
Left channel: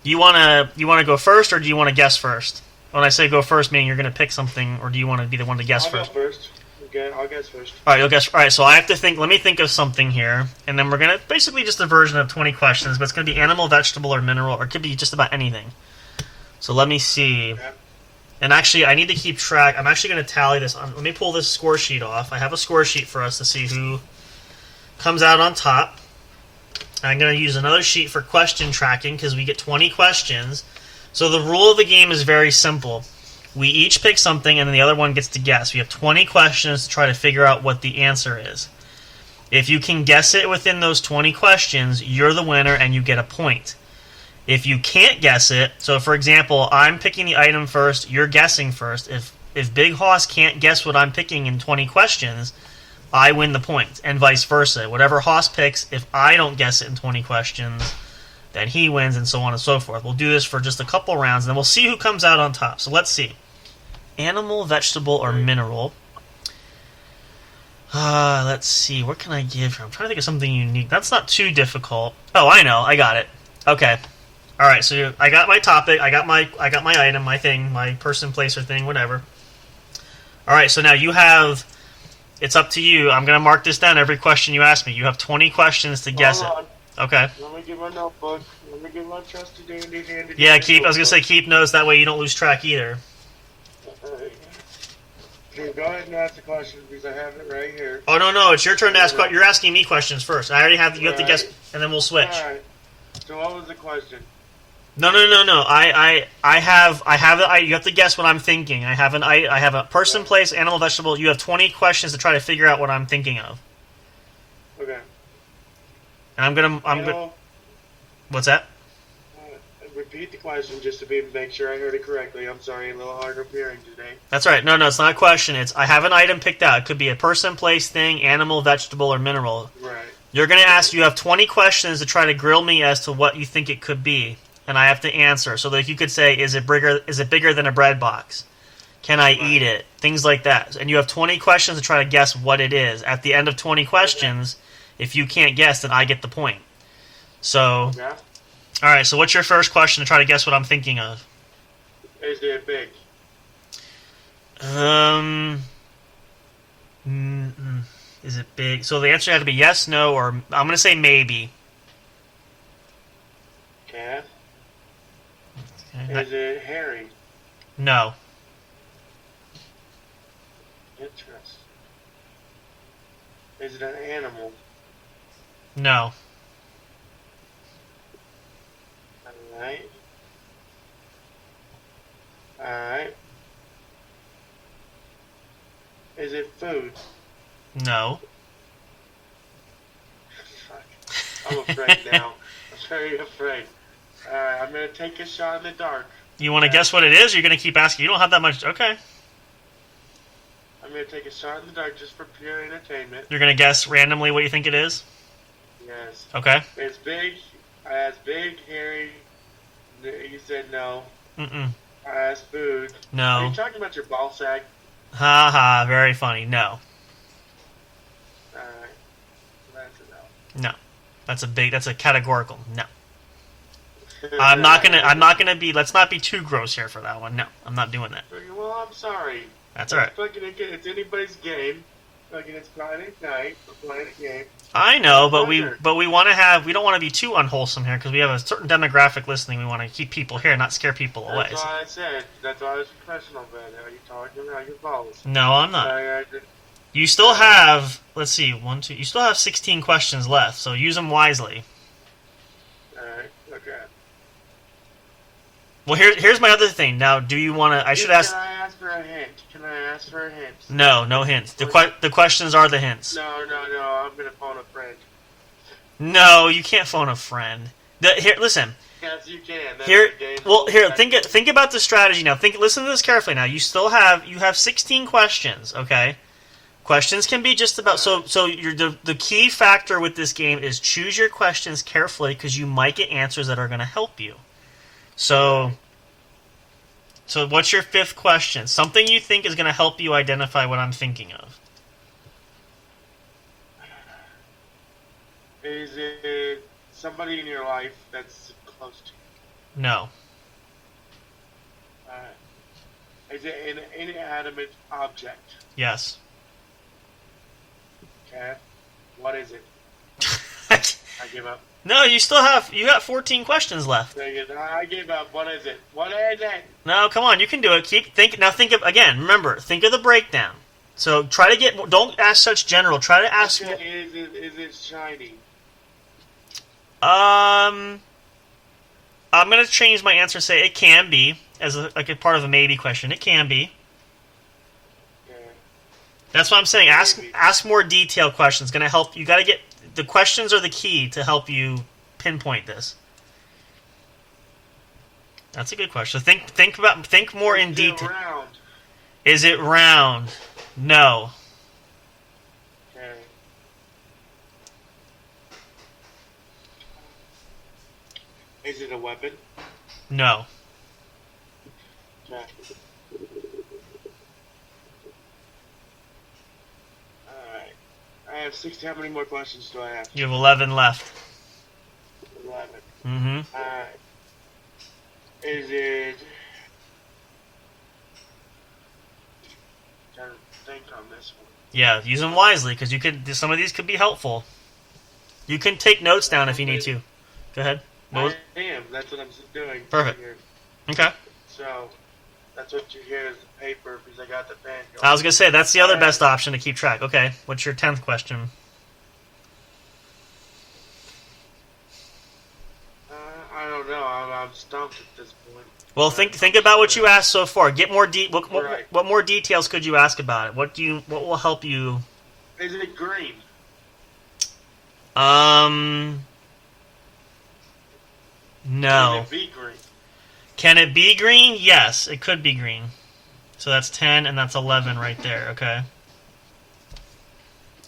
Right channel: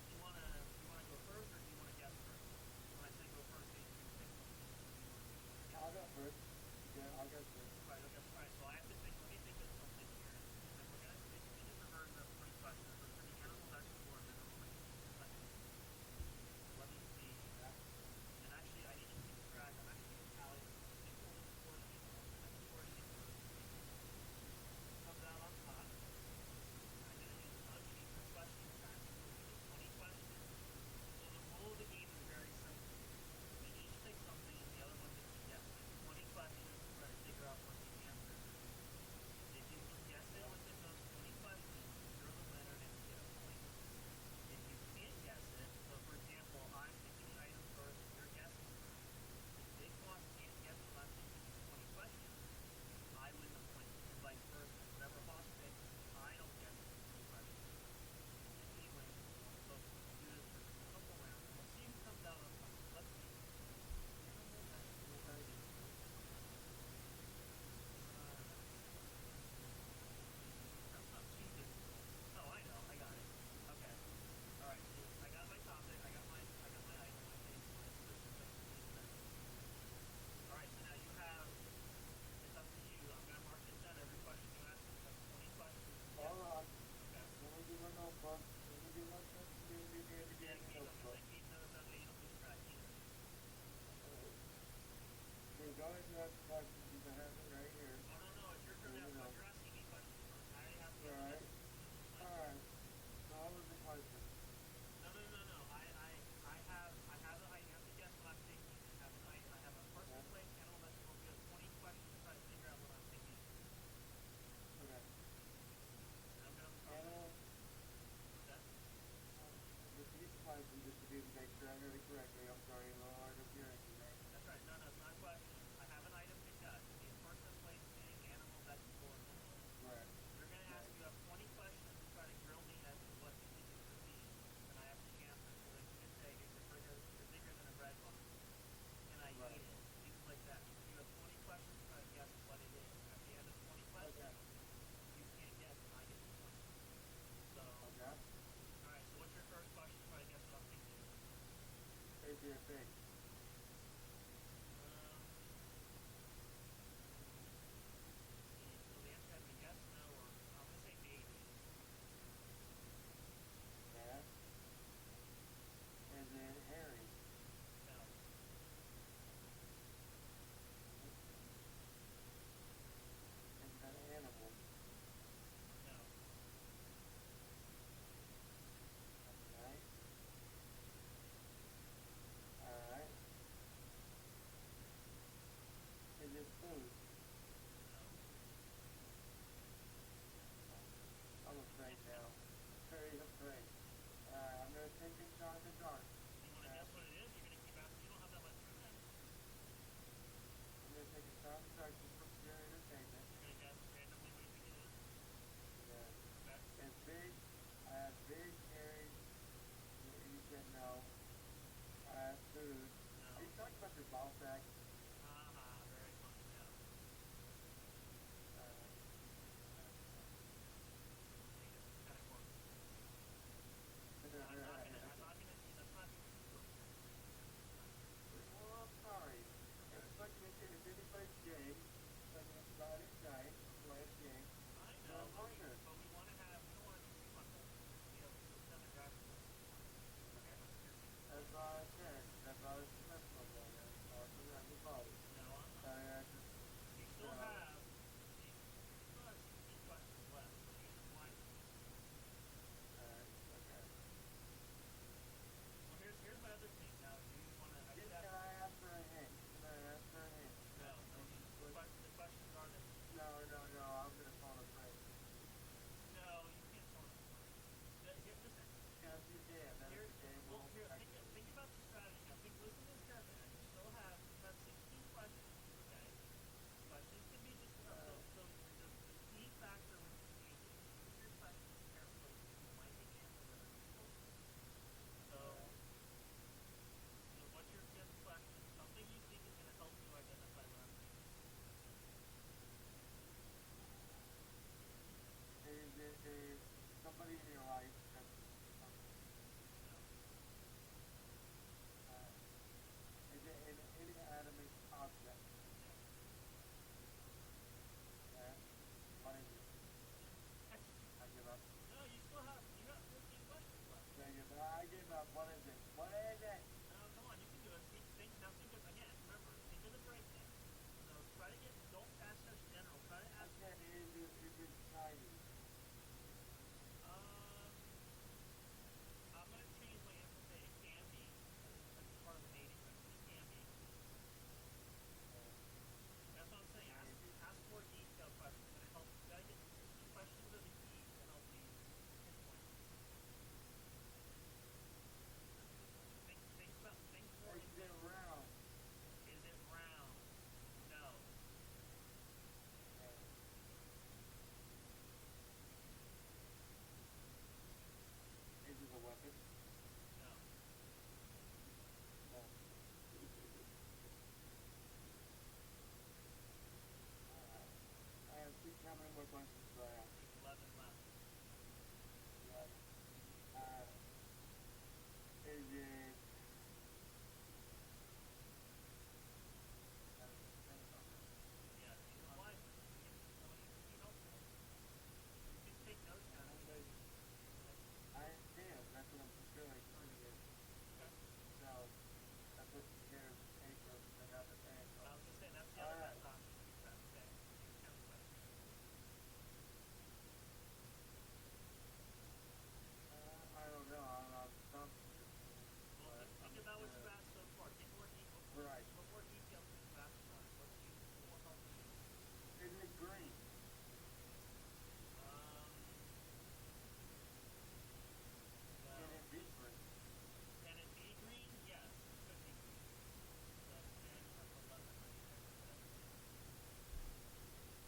You wanna go first, or do you want to guess first? When I say go first, meaning you're going to pick something, or do you want to be the one to guess first? I'll go first. Okay, I'll guess first. All right, you'll guess. All right, so I have to think. Let me think of something here, and then we're going to basically just a version of 20 questions, but it's going to be animal, vegetable, or mineral, or it could be just about anything. So let me see. Okay. And actually, I need to keep track. I'm actually going to tally this. Let me pull this score sheet off. I have a score sheet for us to see who comes out on top. I'm going to use another sheet for question tracking, because we get 20 questions. So the rule of the game is very simple. We each pick something, and then the other one gets to guess. We have 20 questions to try to figure out what the answer is. If you can guess it within those 20 questions, you're the winner, and you get a point. If you can't guess it, so for example, I'm picking the item first, you're guessing first. If Big Hoss can't guess what I'm picking in 20 questions, I win the point, and vice versa. Whatever Hoss picks, if I don't guess it in 20 questions, then he wins, and so on and so forth. We'll do this for just a couple rounds, and then we'll see who comes out on top. So let's see. Animal, vegetable, or mineral. Let's see. What can I give her? I'm trying to think of something unique. That's not too difficult. Oh, I know. I got it. Okay. All right. So I got my topic. I got my item, my thing, my person, place, or thing, whatever. All right. So now you have. It's up to you. I'm going to mark this down every question you ask me. You have 20 questions to guess it. Okay. Let me get my notebook. Let me get my trusty dandy. Yeah, I was going to say keep notes. That way you don't lose track either. Okay, go ahead and ask the question, because I have it right here. Oh, no. It's your turn to ask. You're asking me questions first. I already have. You have to guess, and then we'll switch. All right. So what was the question? No. I have it. You have to guess what I'm thinking. I have a person, place, animal, vegetable. You have 20 questions to try to figure out what I'm thinking of. Okay. And I'm gonna. What's that? Repeat the question just to make sure I heard it correctly. I'm sorry, a little hard of hearing today. That's right. No, it's not a question. It's I have an item picked out. It could be a person, place, thing, animal, vegetable, or mineral. Right. You're gonna ask. You have 20 questions to try to grill me as to what you think it could be, and I have to answer. So like you could say, is it bigger than a bread box? Can I eat it? Things like that. And you have 20 questions to try to guess what it is. At the end of 20 questions, if you can't guess, then I get the point. So, all right. So what's your first question to try to guess what I'm thinking of? Is it big? Is it big? So the answer had to be yes, no, or I'm going to say maybe. Okay. Okay. Is it hairy? No. Interesting. Is it an animal? No. Alright. Alright. Is it food? No. Fuck. I'm afraid now. I'm very afraid. Alright, I'm gonna take a shot in the dark. You want to guess what it is? Or you're going to keep asking? You don't have that much. Okay. I'm gonna take a shot in the dark just for pure entertainment. You're going to guess randomly what you think it is? Yes. Okay. It's big. I asked big, hairy. You said no. Mm-mm. I asked food. No. Are you talking about your ball sack? Ha ha. Very funny. No. Alright. That's a no. No. That's a categorical no. I'm not gonna be, let's not be too gross here for that one. No, I'm not doing that. Well, I'm sorry. That's alright. It's anybody's game. Fucking it's Friday night. We're playing a game. I know, but we want to have, we don't want to be too unwholesome here because we have a certain demographic listening. We want to keep people here, not scare people away. That's why I said. That's why I was professional, man. Are you talking about your balls? No, I'm not. You still have, let's see, you still have 16 questions left, so use them wisely. Alright, okay. Well, here's my other thing. Now, do you want to, Can I ask for a hint? Can I ask for a hint? No, no hints. The questions are the hints. No, I'm going to phone a friend. No, you can't phone a friend. Here, listen. Yes, you can. Think about the strategy now. Listen to this carefully now. You have 16 questions, okay? Questions can be just about the key factor with this game is choose your questions carefully because you might get answers that are going to help you. So what's your fifth question? Something you think is going to help you identify what I'm thinking of. Is it somebody in your life that's close to you? No. Is it an inanimate object? Yes. Okay. What is it? I give up. No, you got 14 questions left. I gave up. What is it? What is it? No, come on, you can do it. Remember, think of the breakdown. So try to don't ask such general. Try to ask. Okay, is it shiny? I'm gonna change my answer. Say it can be as a part of a maybe question. It can be. Yeah. That's what I'm saying. Ask more detailed questions. Gonna help. You gotta get the questions are the key to help you pinpoint this. That's a good question. Think more in detail. Round? Is it round? No. Okay. Is it a weapon? No. Okay. Alright. I have 60. How many more questions do I have? You have 11 left. 11. Mm-hmm. Alright. Is it... I'm trying to think on this one. Yeah, use them wisely because some of these could be helpful. You can take notes down if you need to. Go ahead. I am. That's what I'm doing. Perfect. Here. Okay. So, that's what you hear is the paper because I got the pen going. I was going to say, that's the other best option to keep track. Okay, what's your 10th question? I don't know. I'm stumped at this point. Well, think about what you asked so far. Get more Right. What more details could you ask about it? What will help you? Is it green? No. Can it be green? Can it be green? Yes, it could be green. So that's 10 and that's 11 right there, okay?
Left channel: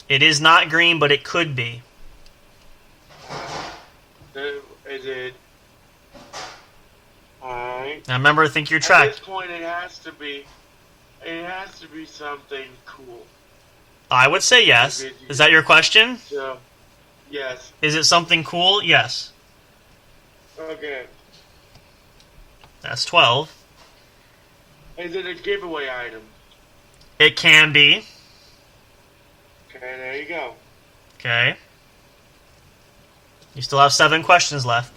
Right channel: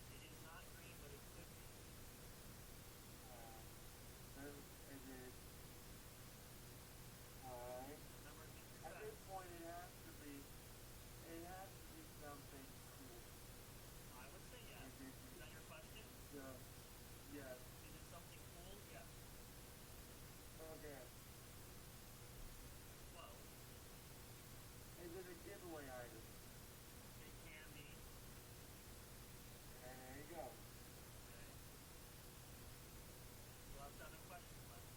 It is not green, but it could be. Is it... Alright. Now remember, think your track. At this point, it has to be something cool. I would say yes. Is that your question? So, yes. Is it something cool? Yes. Okay. That's 12. Is it a giveaway item? It can be. Okay. there you go. Okay. You still have 7 questions left.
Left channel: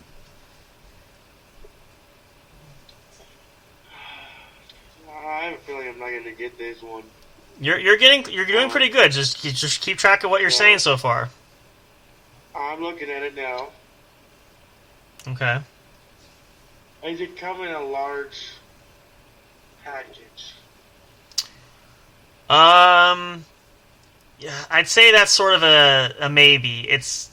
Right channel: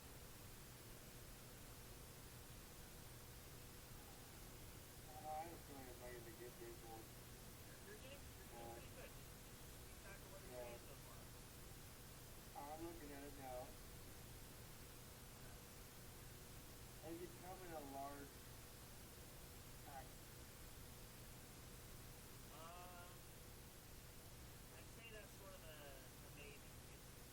I have a feeling I'm not going to get this one. You're doing pretty good. Just keep track of what you're saying so far. I'm looking at it now. Okay. Does it come in a large package? Yeah, I'd say that's sort of a maybe.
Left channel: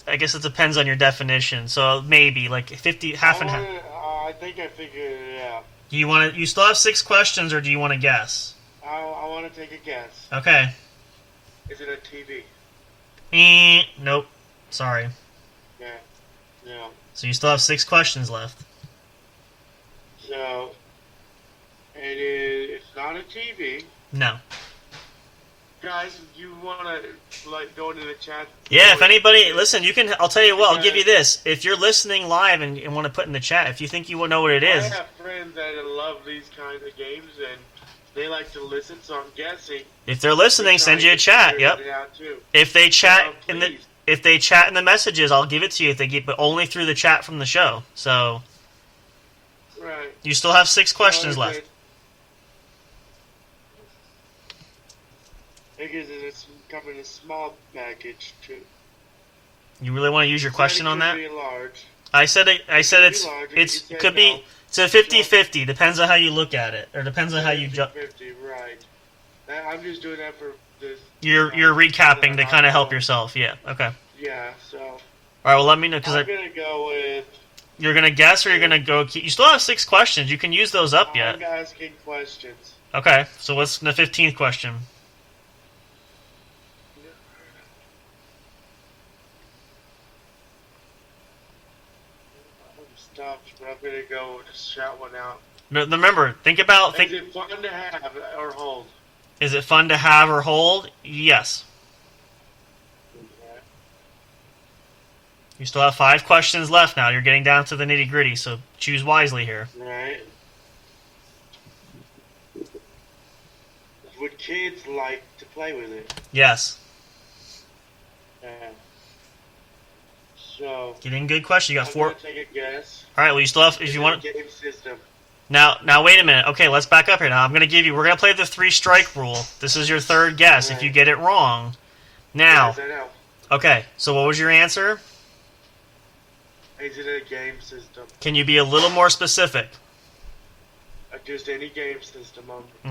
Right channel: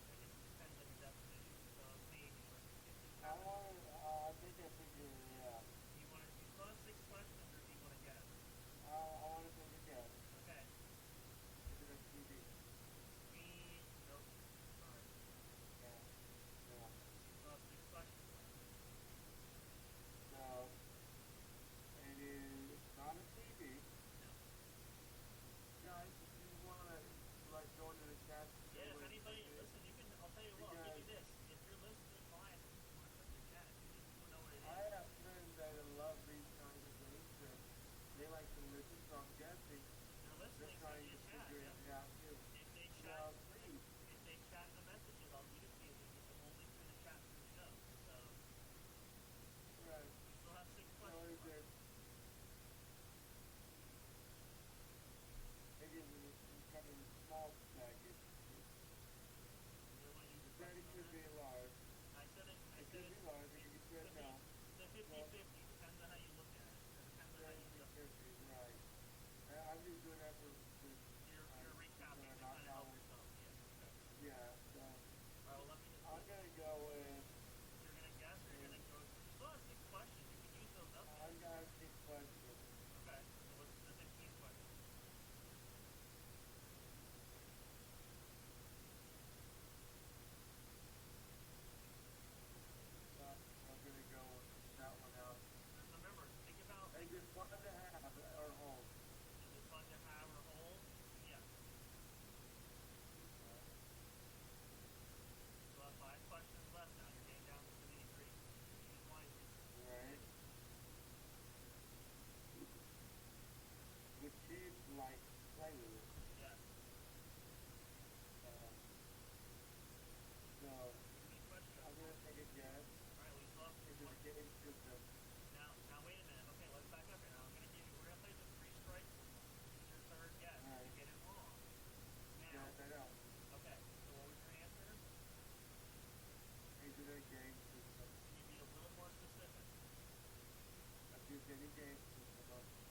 I guess it depends on your definition. So maybe like 50, half and half. I think I figured it out. Do you want to? You still have 6 questions, or do you want to guess? I want to take a guess. Okay. Is it a TV? Nope. Sorry. Yeah. No. So you still have 6 questions left. So it's not a TV. No. Guys, you want to go into the chat? Yeah, if anybody listen, you can. I'll tell you what. I'll give you this. If you're listening live and want to put in the chat, if you think you will know what it is. I have friends that love these kinds of games and they like to listen, so I'm guessing. If they're listening, send you a chat. Yep. If they chat if they chat in the messages, I'll give it to you. If they get, but only through the chat from the show. So. Right. You still have 6 questions left. Because it's coming in a small package too. You really want to use your question on that? Large. I said it's could be it's a 50-50. Depends on how you look at it, or depends on how you jump. 50, right? I'm just doing that for this. You're recapping to kind of help yourself. Yeah. Okay. Yeah. So. All right. Well, let me know because I'm gonna go with. You're gonna guess, or you're gonna go. You still have 6 questions. You can use those up yet. I'm asking questions. Okay. So what's the 15th question? Stopped, but I'm gonna go just shout one out. Remember, think about. Is it fun to have or hold? Is it fun to have or hold? Yes. Okay. You still have 5 questions left now. You're getting down to the nitty gritty, so choose wisely here. Right. Would kids like to play with it? Yes. Yeah. So. Getting good question. You got 4. I'm gonna take a guess. All right. Well, you still have. If you want. Game system. Now, wait a minute. Okay, let's back up here. Now, we're gonna play the 3-strike rule. This is your 3rd guess. Right. If you get it wrong, now. Yes, I know. Okay. So, what was your answer? Is it a game system? Can you be a little more specific? Just any game system.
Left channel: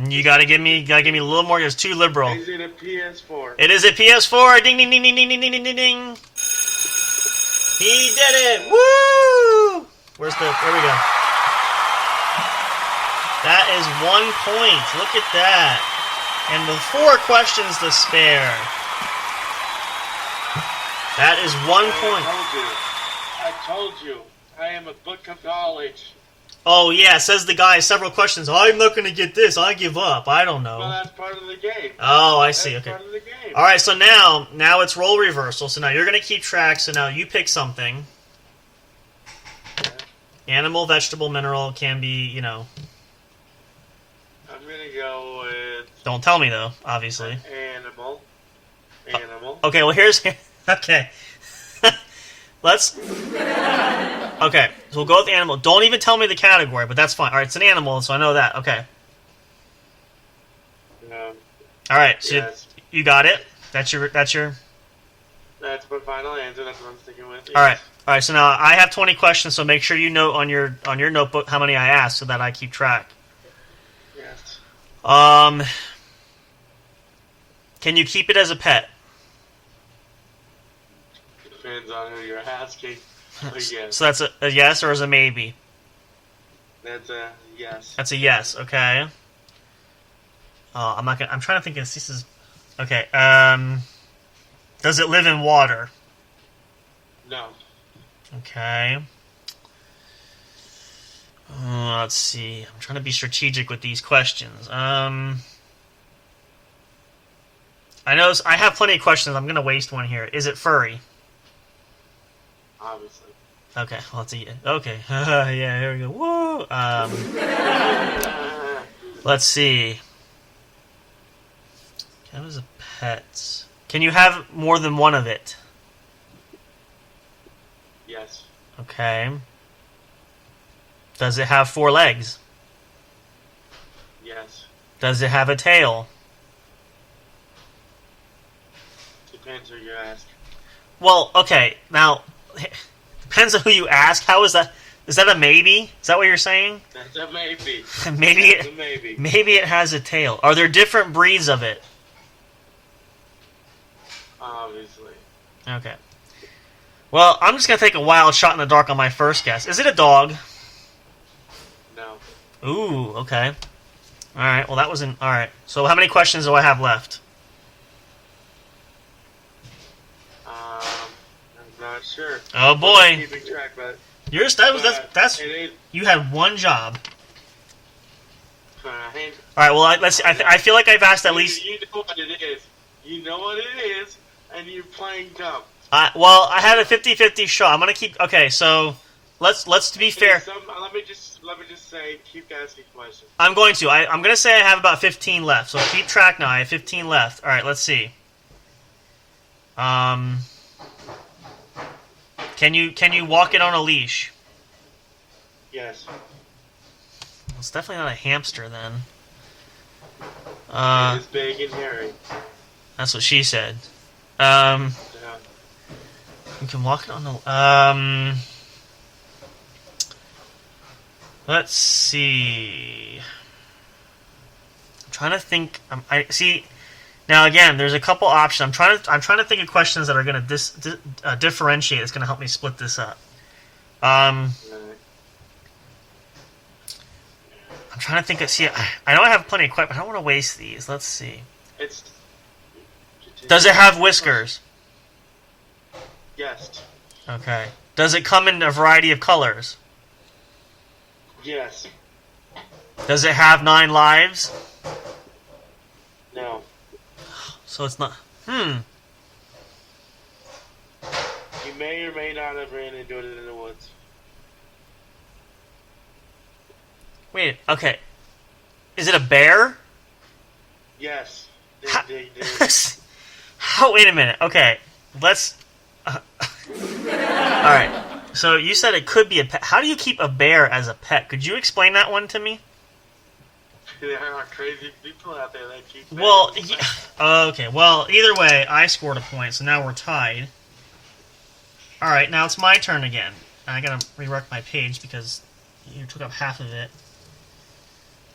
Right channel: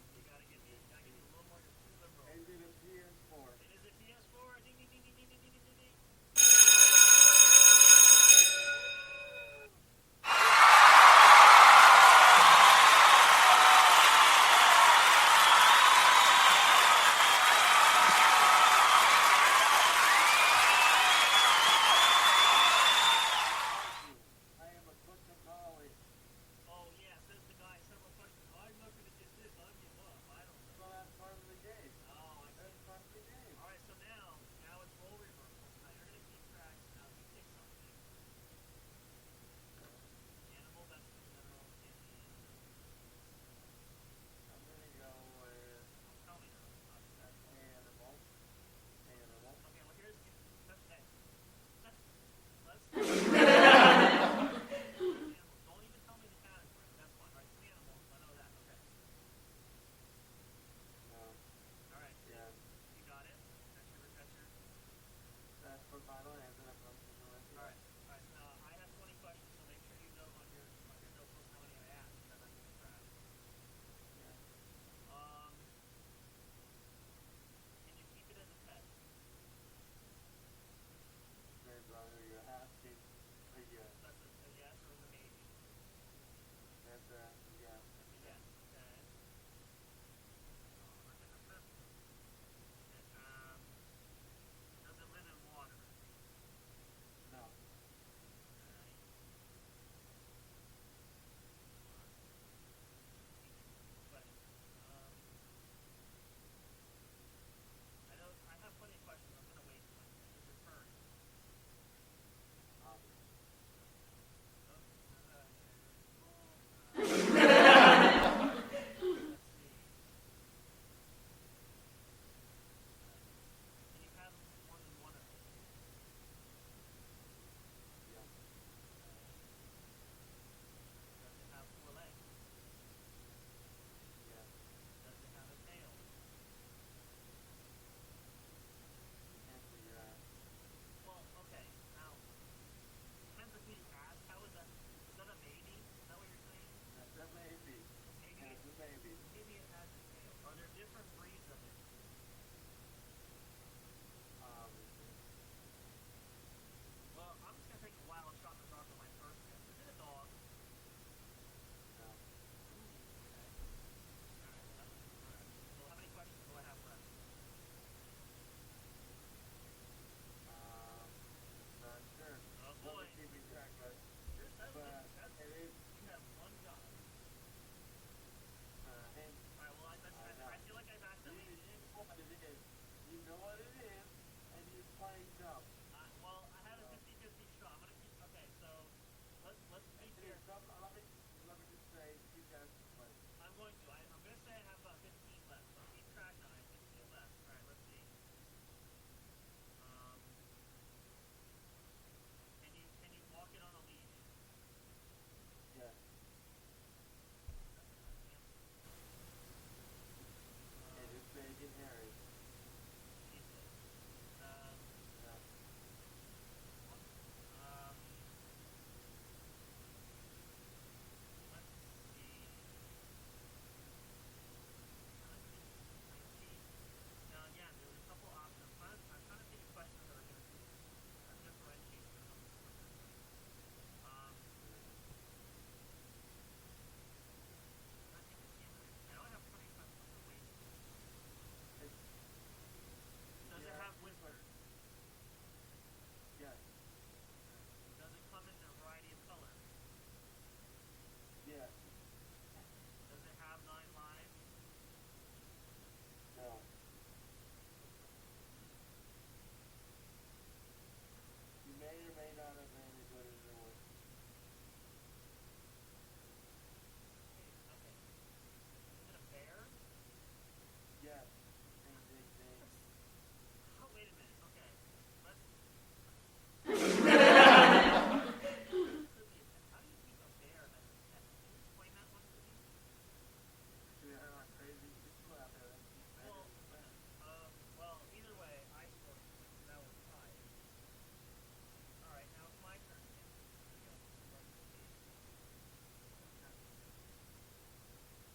You gotta give me a little more. It's too liberal. Is it a PS4? It is a PS4. Ding, ding, ding, ding, ding, ding, ding, ding, ding. He did it! Woo! There we go. That is 1 point. Look at that. And with 4 questions to spare. That is 1 point. I told you. I am a book of knowledge. Oh, yeah, says the guy, several questions. I'm not going to get this. I give up. I don't know. Well, that's part of the game. Oh, I see. That's okay. part of the game. All right, so now it's role reversal. So now you're going to keep track. So now you pick something. Yeah. Animal, vegetable, mineral, can be, I'm going to go with... Don't tell me, though, obviously. Animal. Okay, well, here's... Okay. Let's... Okay, so we'll go with animal. Don't even tell me the category, but that's fine. All right, it's an animal, so I know that. Okay. All right, so yes. You got it? That's your... That's my final answer. That's what I'm sticking with. Yes. All right, so now I have 20 questions, so make sure you note on your notebook how many I asked so that I keep track. Yes. Can you keep it as a pet? Depends on who you're asking. Yes. So that's a yes or is a maybe? That's a yes. That's a yes. Okay. I'm trying to think if this is. Okay. Does it live in water? No. Okay. Let's see. I'm trying to be strategic with these questions. I know I have plenty of questions. I'm going to waste one here. Is it furry? Obviously. Okay, well, it's a okay. Yeah, here we go. Woo! Let's see. Cat is a pet. Can you have more than one of it? Yes. Okay. Does it have 4 legs? Yes. Does it have a tail? Depends who you ask. Well, okay. Now, depends on who you ask. How is that? Is that a maybe? Is that what you're saying? That's a maybe. Maybe it has a tail. Are there different breeds of it? Obviously. Okay. Well, I'm just gonna take a wild shot in the dark on my first guess. Is it a dog? No. Ooh, okay. All right. Well, that wasn't all right. So, how many questions do I have left? I'm not sure. Oh boy. Keeping track, but Yours. That's. You had one job. All right. Well, let's. I feel like I've asked at least. You know what it is. You know what it is, and you're playing dumb. Well, I had a 50-50 shot. I'm gonna keep. Okay, so let's be fair. Let me just say, keep asking questions. I'm going to. I'm gonna say I have about 15 left. So keep track now. I have 15 left. All right. Let's see. Can you walk it on a leash? Yes. It's definitely not a hamster then. It's big and hairy. That's what she said. Yeah. You can walk it on the. Let's see. I'm trying to think. I see. Now again, there's a couple options. I'm trying to think of questions that are going to differentiate. It's going to help me split this up. I'm trying to think of. See, I know I have plenty of questions, but I don't want to waste these. Let's see. Does it have whiskers? Yes. Okay. Does it come in a variety of colors? Yes. Does it have 9 lives? No. So it's not. You may or may not have ran into it in the woods. Wait. Okay. Is it a bear? Yes. Oh, wait a minute. Okay. Let's. All right. So you said it could be a pet. How do you keep a bear as a pet? Could you explain that one to me? There are crazy people out there that keep. Well, yeah. Okay. Well, either way, I scored a point, so now we're tied. All right. Now it's my turn again. I gotta rework my page because you took up half of it.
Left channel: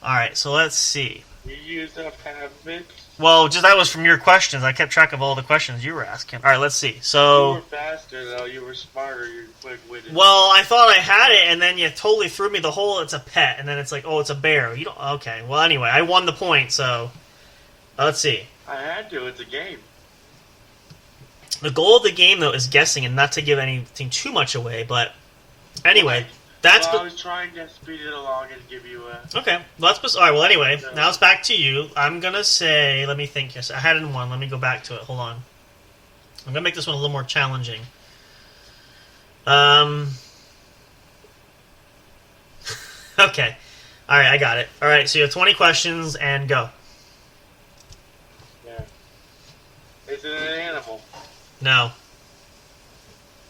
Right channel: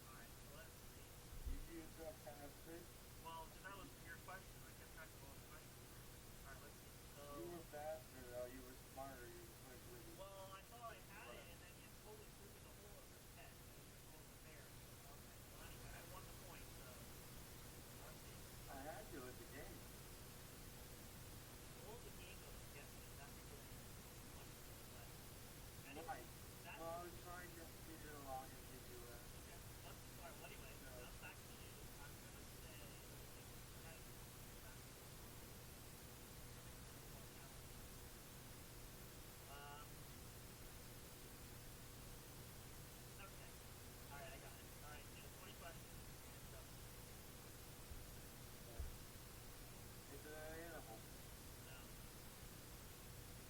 All right. So let's see. You used up half of it. Well, just that was from your questions. I kept track of all the questions you were asking. All right, let's see. So you were faster, though. You were smarter. You were quick-witted. Well, I thought I had it, and then you totally threw me the whole. It's a pet, and then it's like, oh, it's a bear. You don't. Okay. Well, anyway, I won the point. So let's see. I had to. It's a game. The goal of the game, though, is guessing and not to give anything too much away. But anyway, that's. Well, I was trying to speed it along and give you a. Okay. Well, that's. All right. Well, anyway, now it's back to you. I'm gonna say. Let me think. Yes, I had it in one. Let me go back to it. Hold on. I'm gonna make this one a little more challenging. Okay. All right, I got it. All right, so you have 20 questions and go. Yeah. Is it an animal? No.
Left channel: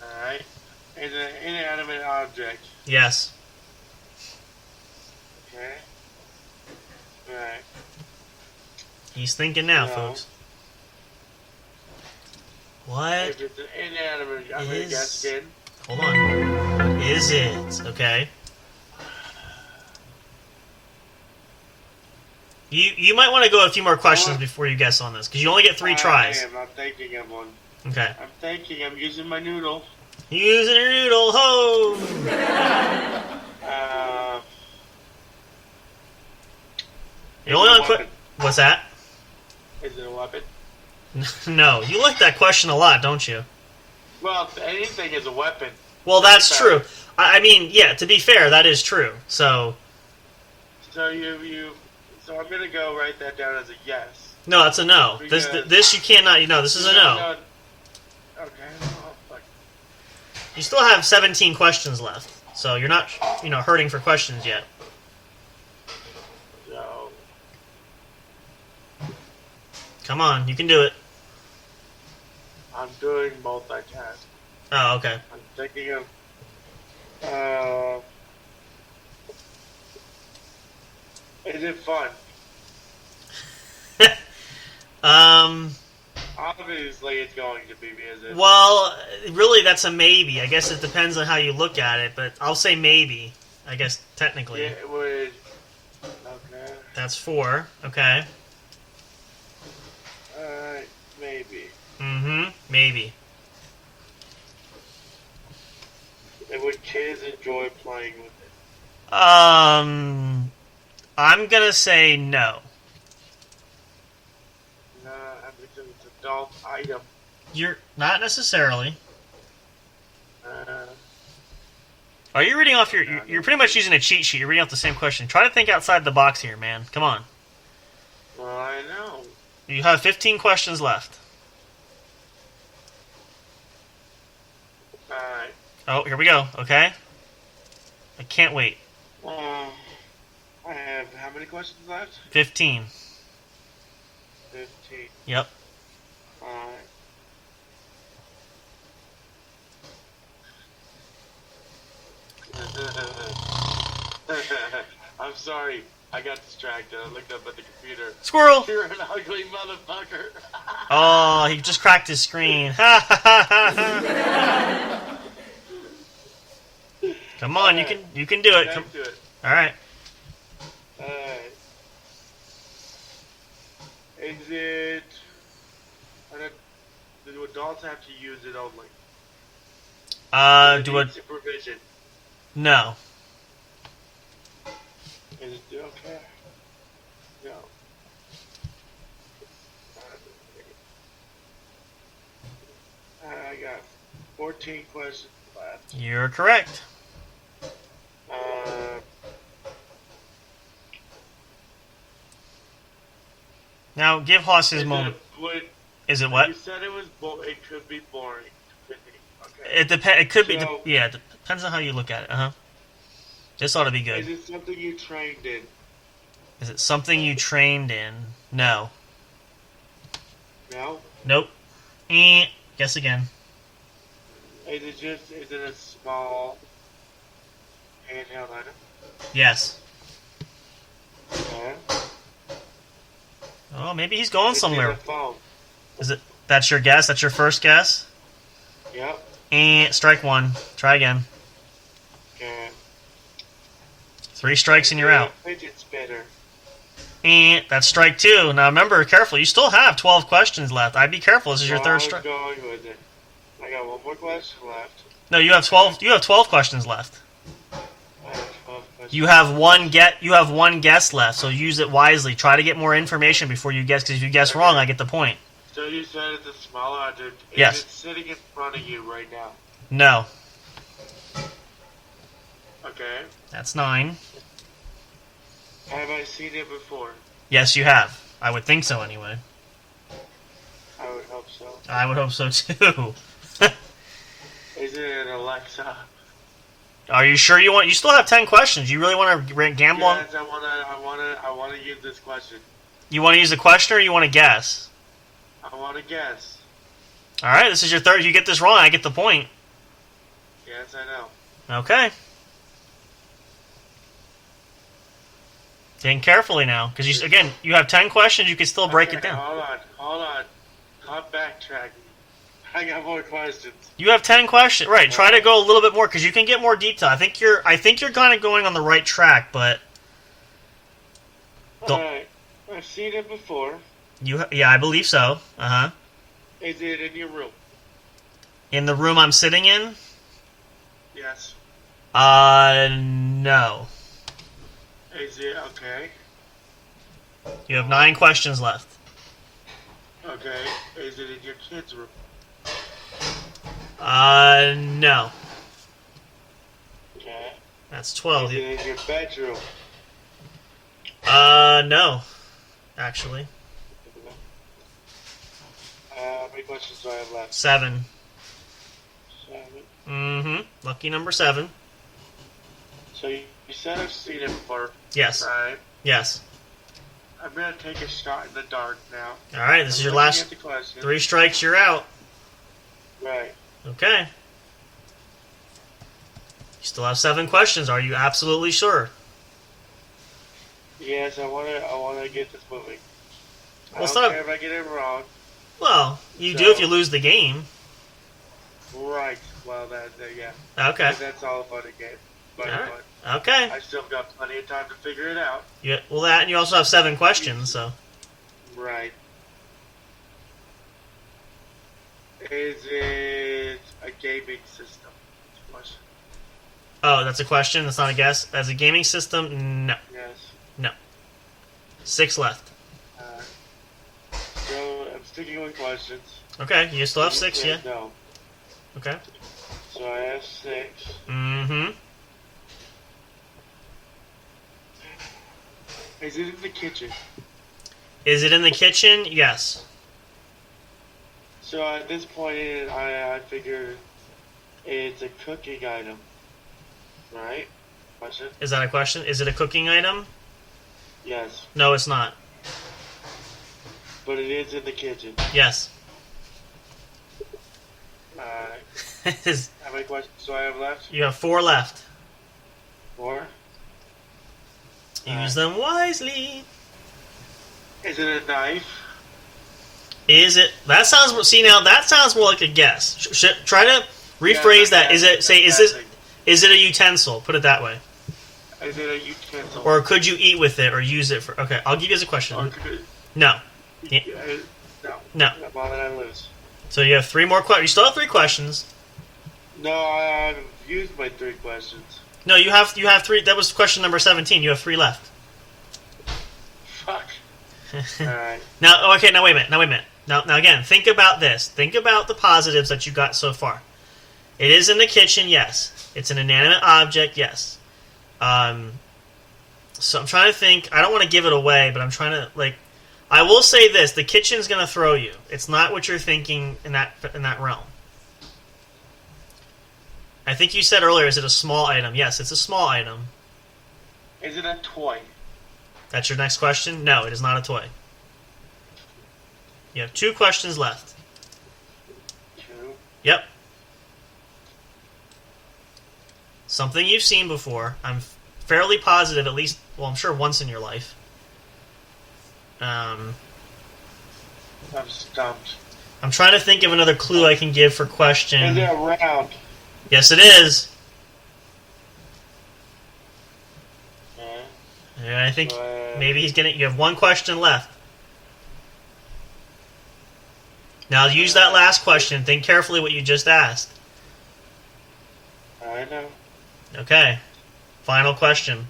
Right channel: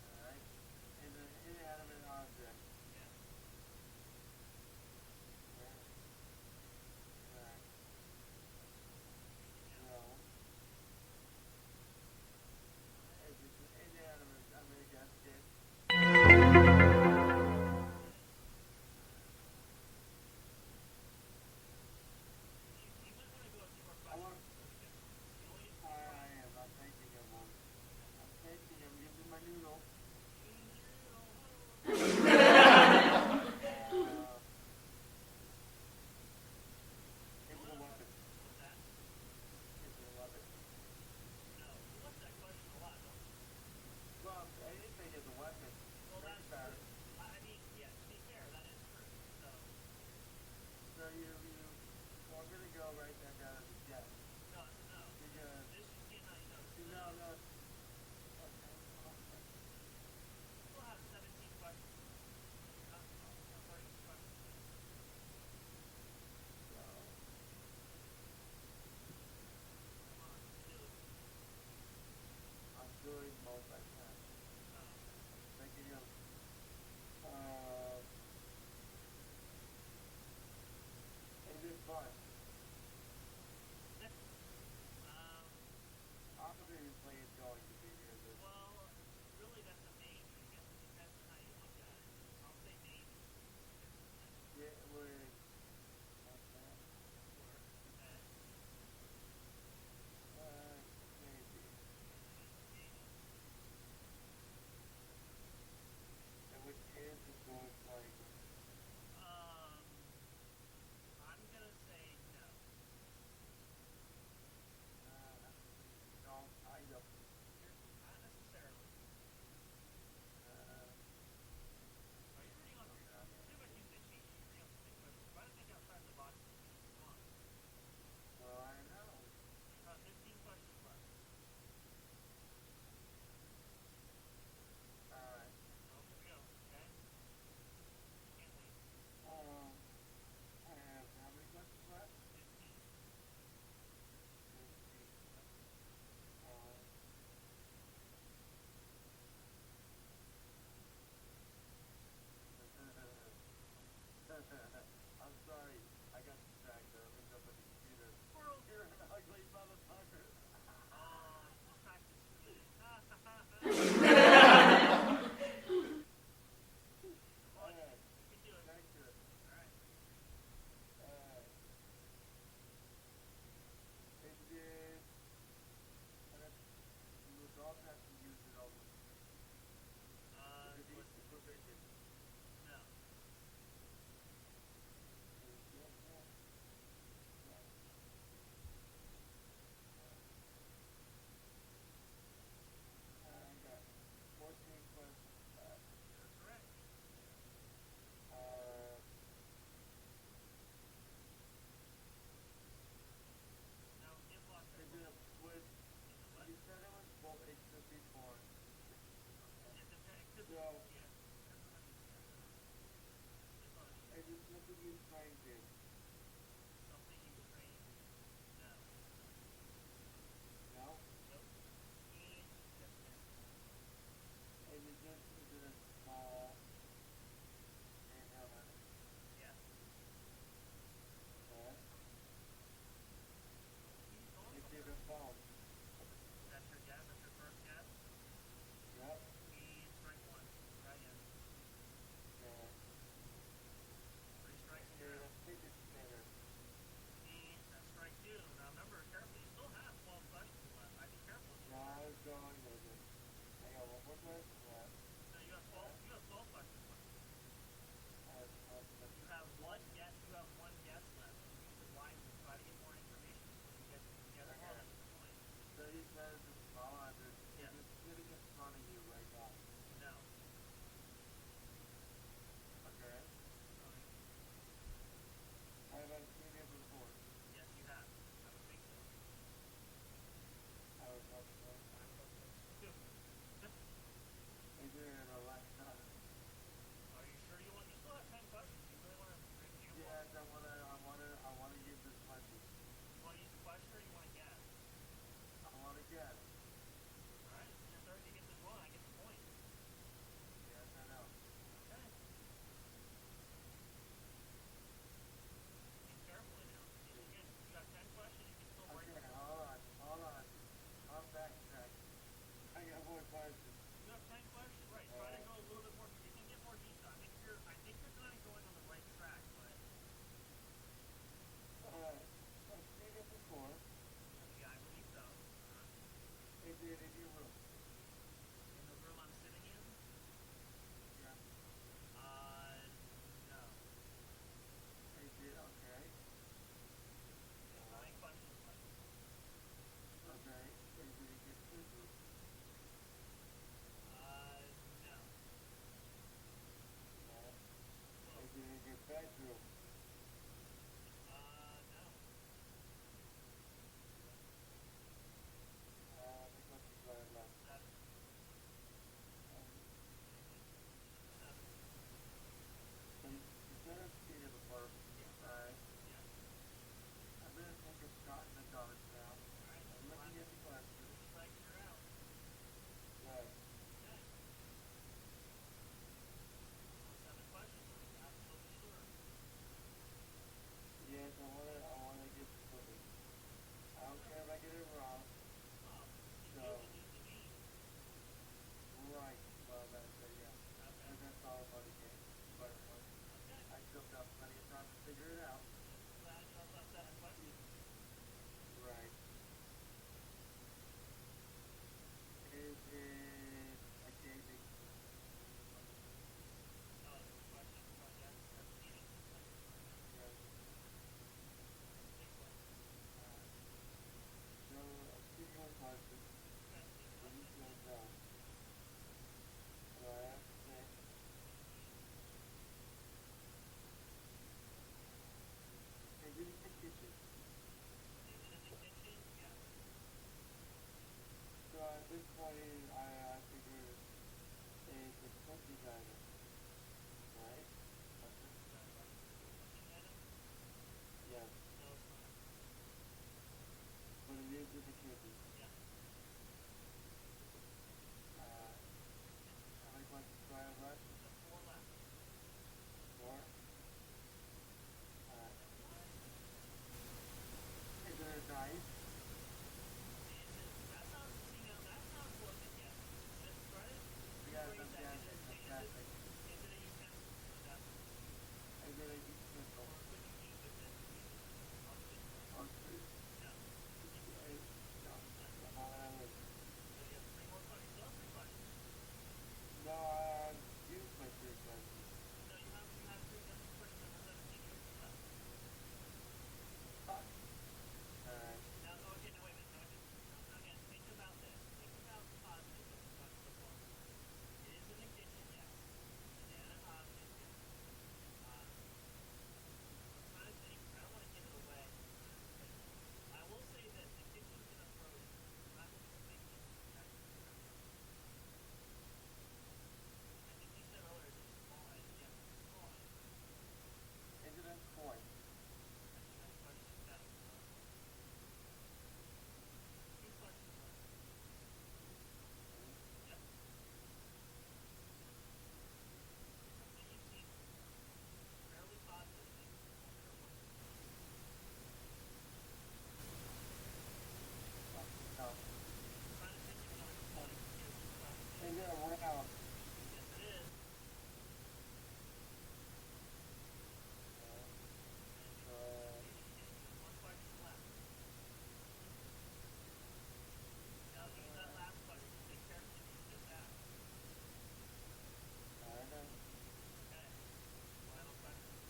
All right. Is it an inanimate object? Yes. Okay. All right. He's thinking now, No. folks. What? If it's an inanimate, I'm going to guess again. Hold on. Is it? Okay. You might want to go a few more questions before you guess on this, because you only get 3 tries. I'm thinking of one. Okay. I'm thinking. I'm using my noodle. Using your noodle, ho! You're only on What's that? Is it a weapon? No. You like that question a lot, don't you? Well, anything is a weapon. Well, that's true. I mean, yeah, to be fair, that is true. So So I'm gonna go write that down as a yes. No, that's a no. This you cannot. This is a no. Okay. Oh, fuck. You still have 17 questions left, so you're not, hurting for questions yet. No. Come on, you can do it. I'm doing multitask. Oh, okay. I'm thinking of. Is it fun? Obviously, it's going to be because Well, really, that's a maybe. I guess it depends on how you look at it, but I'll say maybe. I guess technically. Yeah, it would. Okay. That's 4. Okay. Maybe. Maybe. And would kids enjoy playing with it? I'm gonna say no. No, because it's an adult item. You're not necessarily. Uh, Are you reading off you're pretty much using a cheat sheet. You're reading off the same question. Try to think outside the box here, man. Come on. well, I know. You have 15 questions left. Alright. Oh, here we go. Okay. I can't wait. I have how many questions left? 15. 15. Yep. Alright. I'm sorry. I got distracted. I looked up at the computer. Squirrel! You're an ugly motherfucker. Oh, he just cracked his screen. Ha ha ha ha. Come on, right. you can do it. Back to it. All right. Alright. Is it... Do adults have to use it only? Do a supervision? no. Is it okay? No. I got 14 questions left. You're correct. Now give Hoss his moment. Is it what? You said it was. It could be boring. Okay. It depends. It could be. Yeah, it depends on how you look at it. This ought to be good. Is it something you trained in? Is it something you trained in? No. No. Nope. Guess again. Is it a small handheld item? Yes. Okay. Oh, maybe he's going somewhere. Is it a phone? Is it? That's your guess? That's your first guess? Yep. Strike 1. Try again. Okay. 3 strikes and you're out. Fidget spinner. That's strike 2. Now remember, careful. You still have 12 questions left. I'd be careful. This is your third strike. Going with it. I got one more question left. No, you have 12. You have 12 questions left. I have 12 questions. You have one guess left. So use it wisely. Try to get more information before you guess. Because if you guess wrong, I get the point. So you said it's a smaller object. Yes. Is it sitting in front of you right now? No. Okay. That's 9. Have I seen it before? Yes, you have. I would think so, anyway. I would hope so. I would hope so too. Is it an Alexa? Are you sure you want? You still have 10 questions. You really want to gamble on? Yes, I wanna use this question. You want to use the question, or you want to guess? I want to guess. All right, this is your third. If you get this wrong, I get the point. Yes, I know. Okay. Think carefully now, because you have 10 questions. You can still break it down. Hold on. I'm backtracking. I got more questions. You have 10 questions, right? Try to go a little bit more, because you can get more detail. I think you're kind of going on the right track, but all right. I've seen it before. Yeah, I believe so. Is it in your room? In the room I'm sitting in? Yes. No. Is it okay? You have 9 questions left. Okay. Is it in your kid's room? No. Okay. That's 12. Is it in your bedroom? No. Actually. How many questions do I have left? 7. 7. Lucky number 7. So you said I've seen it before. Yes. Right. Yes. I'm gonna take a shot in the dark now. All right. This is your last 3 strikes. You're out. Right. Okay. You still have 7 questions. Are you absolutely sure? Yes, I wanna get this moving. I Well, it's don't not. care if I get it wrong. Well, you So, do if you lose the game. right. Well, yeah. Okay. But that's all about a game. All But right. Okay. I still got plenty of time to figure it out. Yeah. Well, that and you also have 7 questions. So. Right. Is it a gaming system? Question. Oh, that's a question. That's not a guess. As a gaming system, no. Yes. No. 6 left. So I'm sticking with questions. Okay. You still have 6. Yeah. No. Okay. So I have 6. Mm-hmm. Is it in the kitchen? Is it in the kitchen? Yes. So at this point, I figure it's a cooking item, right? Question? Is that a question? Is it a cooking item? Yes. No, it's not. But it is in the kitchen. Yes. How many questions do I have left? You have 4 left. 4? Use them wisely. Is it a knife? Is it? That sounds. See now, that sounds more like a guess. Try to rephrase that. Is it? Say, is this? Is it a utensil? Put it that way. Is it a utensil? Or could you eat with it or use it for? Okay, I'll give you as a question. No. Yeah. No. No. Well, then I lose. So you have 3 more questions. You still have 3 questions. No, I've used my 3 questions. No, you have 3. That was question number 17. You have 3 left. Fuck. All right. Now, okay. Now wait a minute. Now again, think about this. Think about the positives that you got so far. It is in the kitchen, yes. It's an inanimate object, yes. So I'm trying to think. I don't want to give it away, but I'm trying to I will say this: the kitchen's going to throw you. It's not what you're thinking in that realm. I think you said earlier, is it a small item? Yes, it's a small item. Is it a toy? That's your next question? No, it is not a toy. You have 2 questions left. 2? Yep. Something you've seen before. I'm fairly positive, at least, well, I'm sure once in your life. I'm stumped. I'm trying to think of another clue I can give for question. Is it round? Yes, it is. Yeah, I think maybe he's gonna. You have 1 question left. Now use that last question. Think carefully what you just asked. I know. Okay. Final question.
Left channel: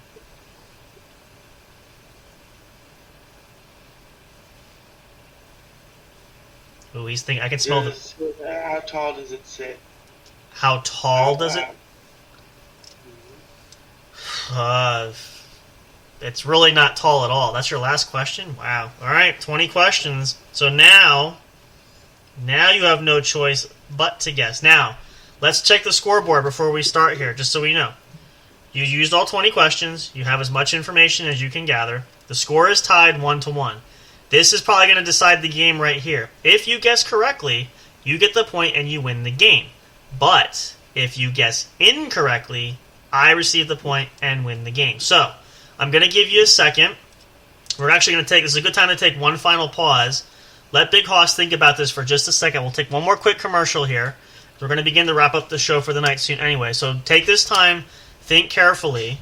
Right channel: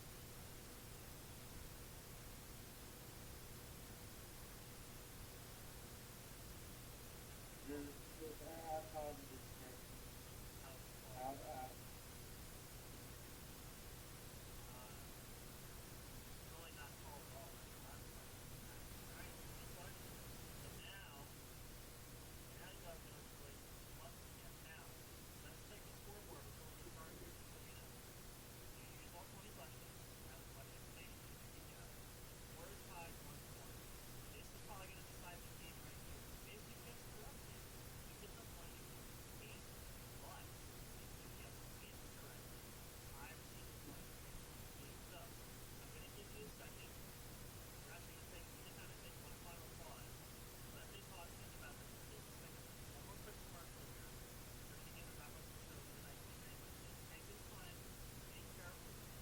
Ooh, he's thinking. I can smell the. How tall does it sit? How tall does it? It's really not tall at all. That's your last question? Wow. All right, 20 questions. So now you have no choice but to guess. Now, let's check the scoreboard before we start here, just so we know. You used all 20 questions. You have as much information as you can gather. The score is tied 1-1. This is probably going to decide the game right here. If you guess correctly, you get the point and you win the game. But if you guess incorrectly, I receive the point and win the game. So, I'm going to give you a second. We're actually going to take, this is a good time to take one final pause. Let Big Hoss think about this for just a second. We'll take one more quick commercial here. We're going to begin to wrap up the show for the night soon anyway. So take this time, think carefully,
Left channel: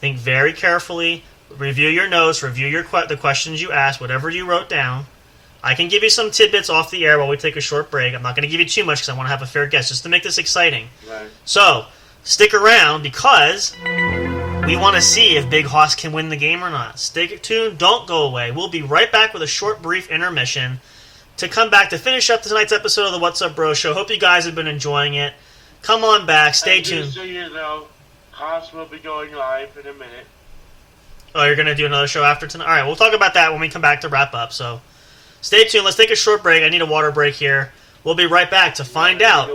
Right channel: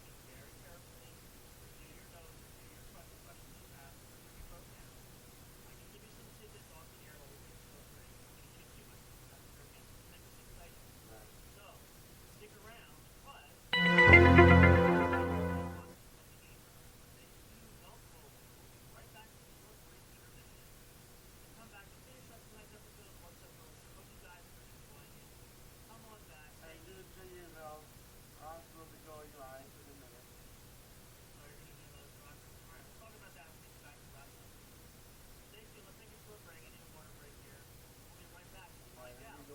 think very carefully, review your notes, review the questions you asked, whatever you wrote down. I can give you some tidbits off the air while we take a short break. I'm not going to give you too much because I want to have a fair guess, just to make this exciting. Right. So, stick around because we want to see if Big Hoss can win the game or not. Stay tuned. Don't go away. We'll be right back with a short, brief intermission to come back to finish up tonight's episode of the What's Up Bro Show. Hope you guys have been enjoying it. Come on back. Stay tuned. Just so you know, Hoss will be going live in a minute. Oh, you're going to do another show after tonight? All right, we'll talk about that when we come back to wrap up. So stay tuned. Let's take a short break. I need a water break here. We'll be right back to find out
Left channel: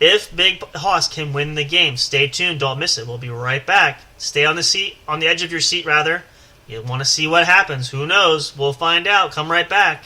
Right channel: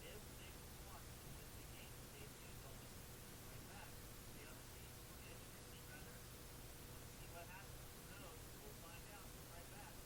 if Big Hoss can win the game. Stay tuned. Don't miss it. We'll be right back. Stay on the edge of your seat, rather. You want to see what happens. Who knows? We'll find out. Come right back.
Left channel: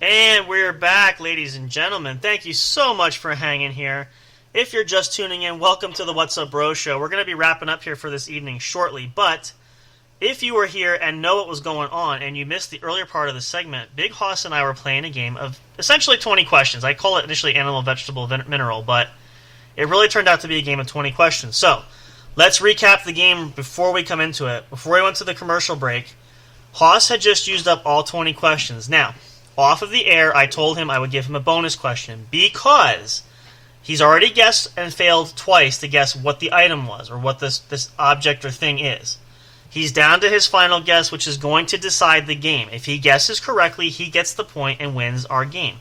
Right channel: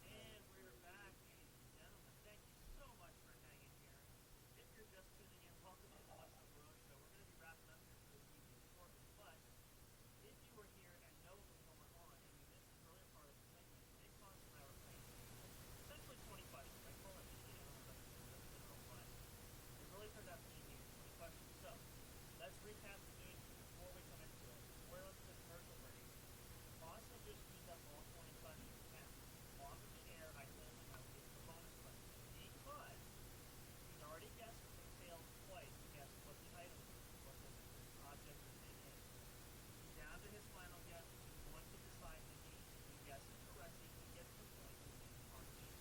And we're back, ladies and gentlemen. Thank you so much for hanging here. If you're just tuning in, welcome to the What's Up Bro Show. We're going to be wrapping up here for this evening shortly, but if you were here and know what was going on and you missed the earlier part of the segment, Big Hoss and I were playing a game of essentially 20 questions. I call it initially Animal, Vegetable, Mineral, but it really turned out to be a game of 20 questions. So, let's recap the game before we come into it. Before we went to the commercial break, Hoss had just used up all 20 questions. Now, off of the air, I told him I would give him a bonus question because he's already guessed and failed twice to guess what the item was or what this object or thing is. He's down to his final guess, which is going to decide the game. If he guesses correctly, he gets the point and wins our game.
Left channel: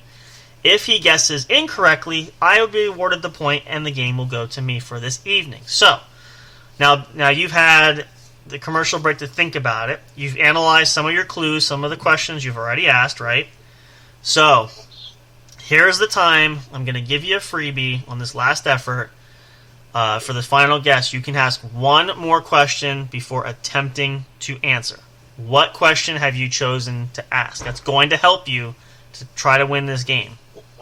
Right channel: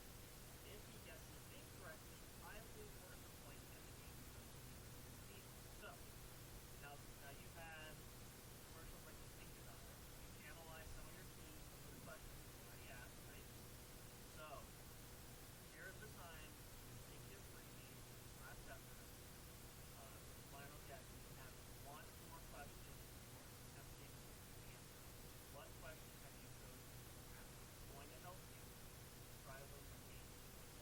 If he guesses incorrectly, I will be awarded the point and the game will go to me for this evening. So, now you've had the commercial break to think about it. You've analyzed some of your clues, some of the questions you've already asked, right? So, here's the time. I'm going to give you a freebie on this last effort. For the final guess, you can ask one more question before attempting to answer. What question have you chosen to ask? That's going to help you to try to win this game.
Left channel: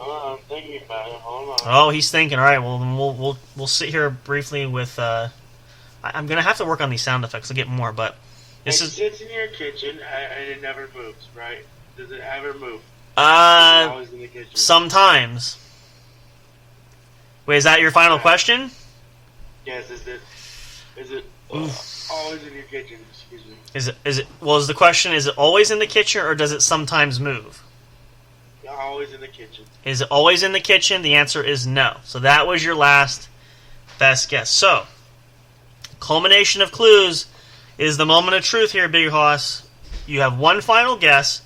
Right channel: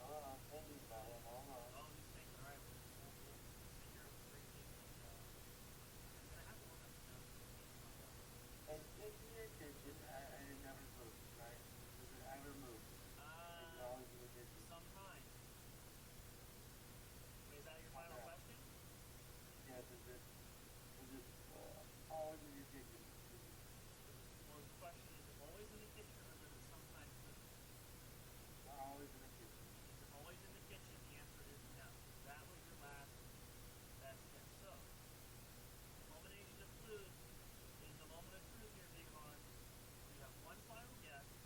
I'm thinking about it. Hold on. Oh, he's thinking. All right, well, then we'll sit here briefly with... I'm going to have to work on these sound effects to get more, but... It sits in your kitchen, and it never moves, right? Does it ever move? Always in the kitchen. Sometimes. Wait, is that your final question? Yes, is it always in your kitchen? Excuse me. Is it well, is the question, is it always in the kitchen or does it sometimes move? Always in the kitchen. Is it always in the kitchen? The answer is no. So that was your last best guess. So, culmination of clues is the moment of truth here, Big Hoss. You have one final guess.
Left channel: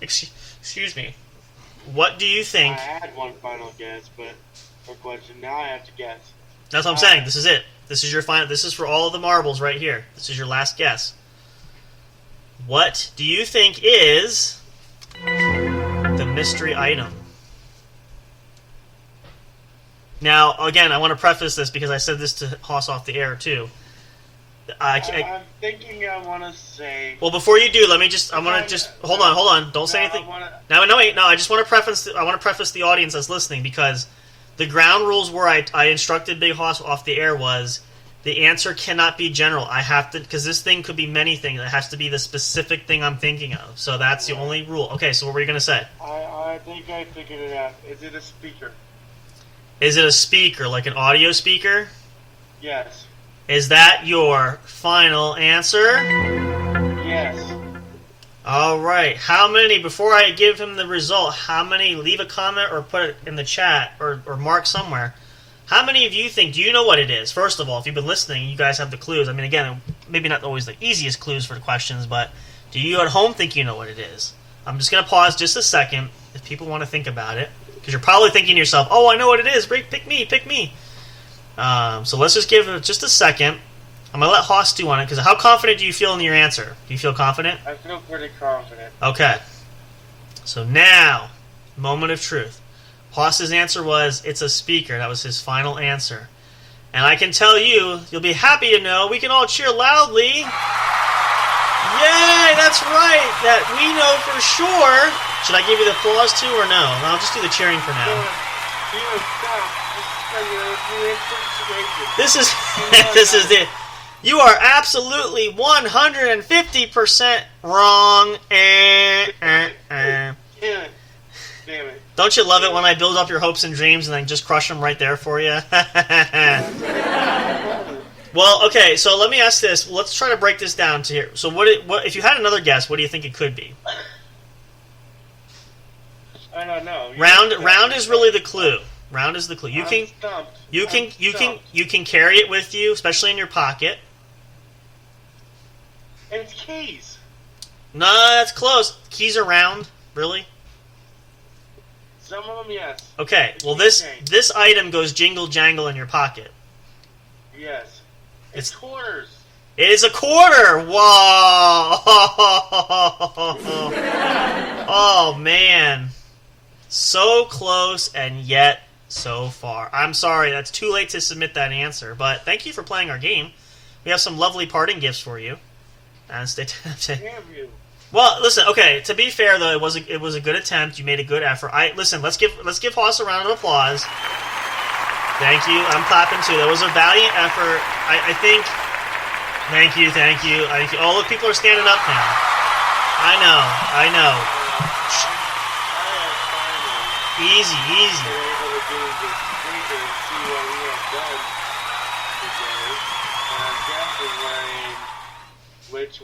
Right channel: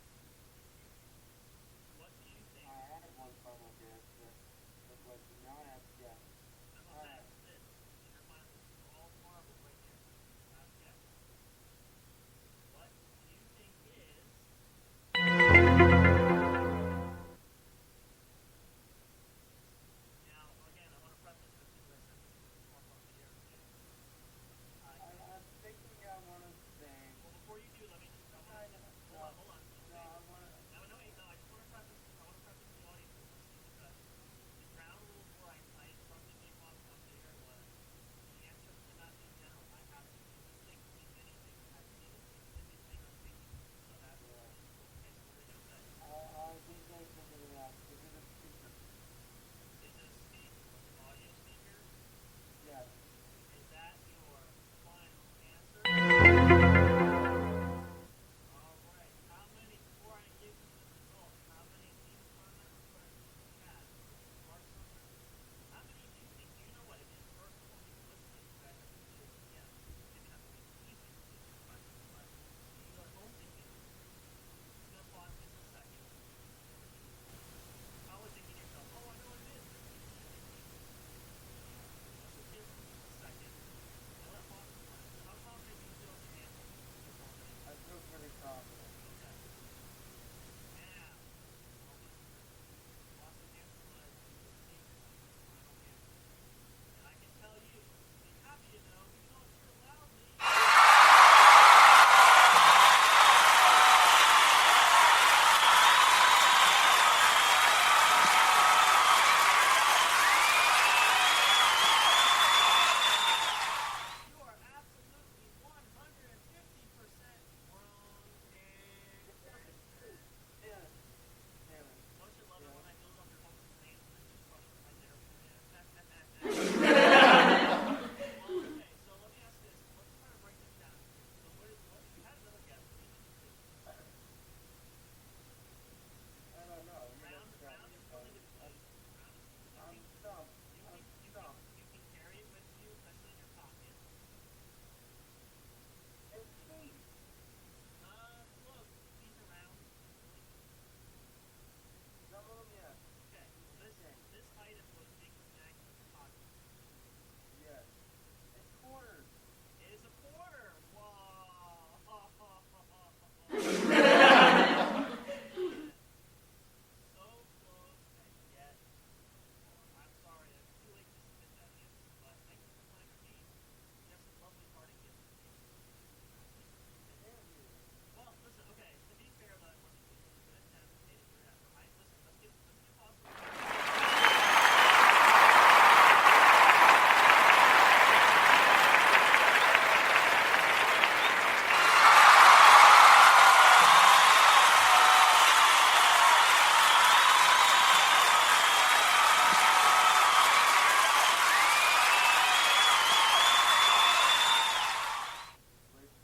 Excuse me. What do you think? I had one final guess, but for question now I have to guess. That's what I'm saying. This is it. This is your final. This is for all of the marbles right here. This is your last guess. What do you think is the mystery item? Now, again, I want to preface this because I said this to Hoss off the air too. I'm thinking I want to say... Well, before you do, let me just... hold on. Don't say anything. Wait. I just want to preface... I want to preface the audience that's listening because the ground rules where I instructed Big Hoss off the air was the answer cannot be general. I have to... Because this thing could be many things. It has to be the specific thing I'm thinking of. So that's the only rule. Okay, so what were you going to say? I I think I figured it out. Is it a speaker? Is it a speaker, like an audio speaker? Yes. Is that your final answer? Yes. All right. How many, before I give him the result, how many, leave a comment or put it in the chat or mark somewhere. How many of you think, do you know what it is? First of all, if you've been listening, you guys have the clues. I mean, again, maybe not always the easiest clues for the questions, but do you at home think you know what it is? I'm just going to pause just a second if people want to think about it. Because you're probably thinking to yourself, oh, I know what it is. Pick me, pick me. So let's just give it just a second. I'm going to let Hoss do on it, because how confident do you feel in your answer? Do you feel confident? I feel pretty confident. Okay. So now, moment of truth. Hoss's answer was, it's a speaker. That was his final answer. And I can tell you, you'll be happy to know, we can all cheer loudly. Yay, that's right. That we know for sure. Should I give you the applause too or no? I'll just do the cheering for now. This is this is it. You are absolutely 150% wrong. Damn it. Don't you love it when I build up your hopes and dreams and then just crush them right there for you? Well, okay, so let me ask this. Let's try to break this down to here. So what if you had another guess, what do you think it could be? I don't know. Round is really the clue. Round is the clue. You can carry it with you, especially in your pocket. And it's keys. No, that's close. Keys are round, really? Some of them, yes. Okay, well this item goes jingle jangle in your pocket. Yes. It's quarters. It is a quarter. Whoa! Oh man, so close and yet so far. I'm sorry, that's too late to submit that answer. But thank you for playing our game. We have some lovely parting gifts for you. And stay tuned. Damn you. Well, listen. Okay, to be fair though, it was a good attempt. You made a good effort. Let's give Hoss a round of applause. Thank you. I'm clapping too. That was a valiant effort. I think. Thank you. All the people are standing up now. I know. Easy. Which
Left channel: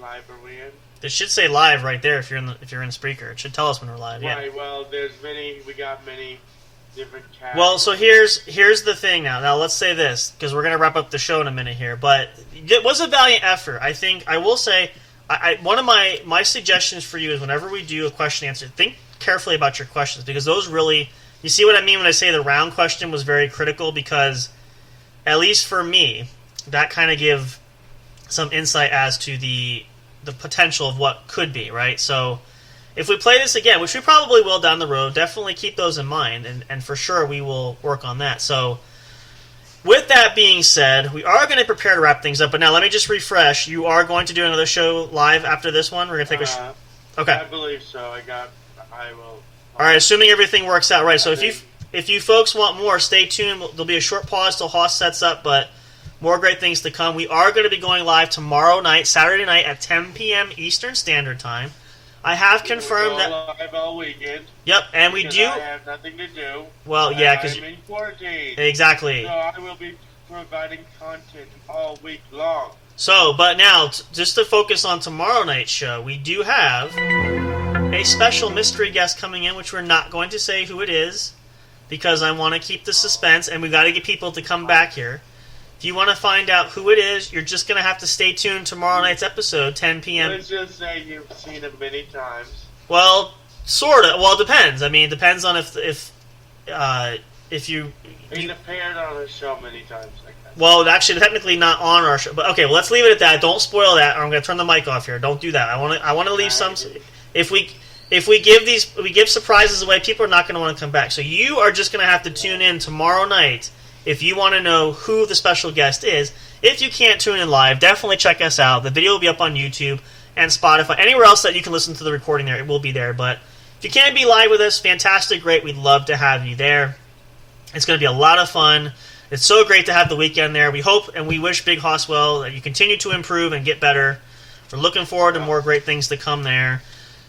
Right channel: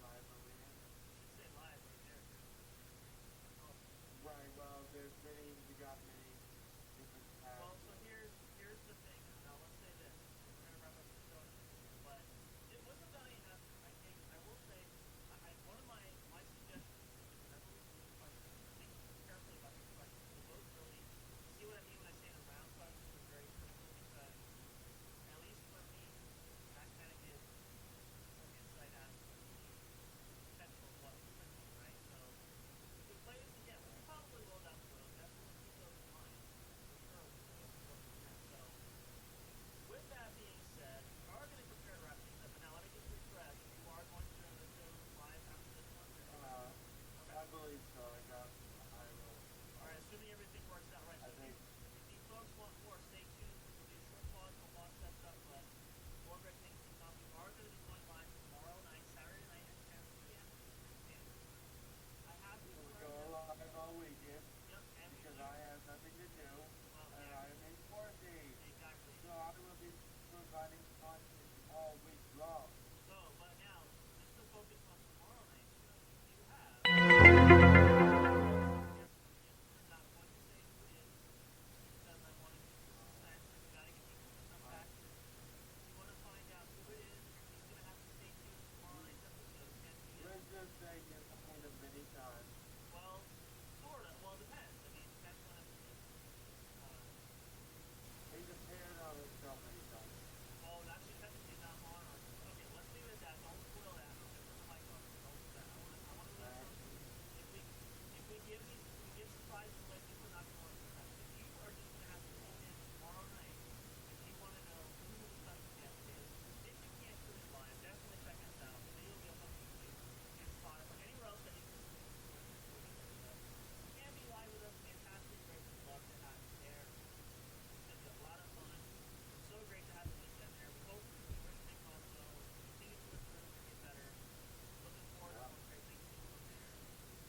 live are we in? It should say live right there if you're in Spreaker. It should tell us when we're live. Yeah. Right. Well, we got many different cats. Well, so here's the thing now. Now let's say this because we're gonna wrap up the show in a minute here. But it was a valiant effort. I think I will say. One of my suggestions for you is whenever we do a question answer, think carefully about your questions because those really. You see what I mean when I say the round question was very critical because, at least for me, that kind of give some insight as to the potential of what could be, right? So if we play this again, which we probably will down the road, definitely keep those in mind, and for sure we will work on that. So with that being said, we are going to prepare to wrap things up, but now let me just refresh. You are going to do another show live after this one? We're going to take Okay. I believe so. I will. All right, assuming everything works out right. So if you folks want more, stay tuned. There'll be a short pause till Hoss sets up, but more great things to come. We are going to be going live tomorrow night, Saturday night at 10 p.m. Eastern Standard Time. I have confirmed that. Live all weekend. Yep, and we do. I have nothing to do. Well, yeah, because I'm in quarantine. Exactly. So I will be providing content all week long. So, but now, just to focus on tomorrow night's show, we do have a special mystery guest coming in, which we're not going to say who it is, because I want to keep the suspense, and we got to get people to come back here. If you want to find out who it is, you're just going to have to stay tuned tomorrow night's episode, 10 p.m. Let's just say you've seen him many times. Well, sort of. Well, it depends. I mean, it depends on if you... He's appeared on the show many times. Well, actually, technically not on our show. But okay, well, let's leave it at that. Don't spoil that, or I'm going to turn the mic off here. Don't do that. I want to leave some... If we give surprises away, people are not going to want to come back. So you are just going to have to tune in tomorrow night if you want to know who the special guest is. If you can't tune in live, definitely check us out. The video will be up on YouTube and Spotify. Anywhere else that you can listen to the recording there, it will be there. But if you can't be live with us, fantastic, great. We'd love to have you there. It's going to be a lot of fun. It's so great to have the weekend there. We hope and we wish Big Hoss well that you continue to improve and get better. We're looking forward to more great things to come there.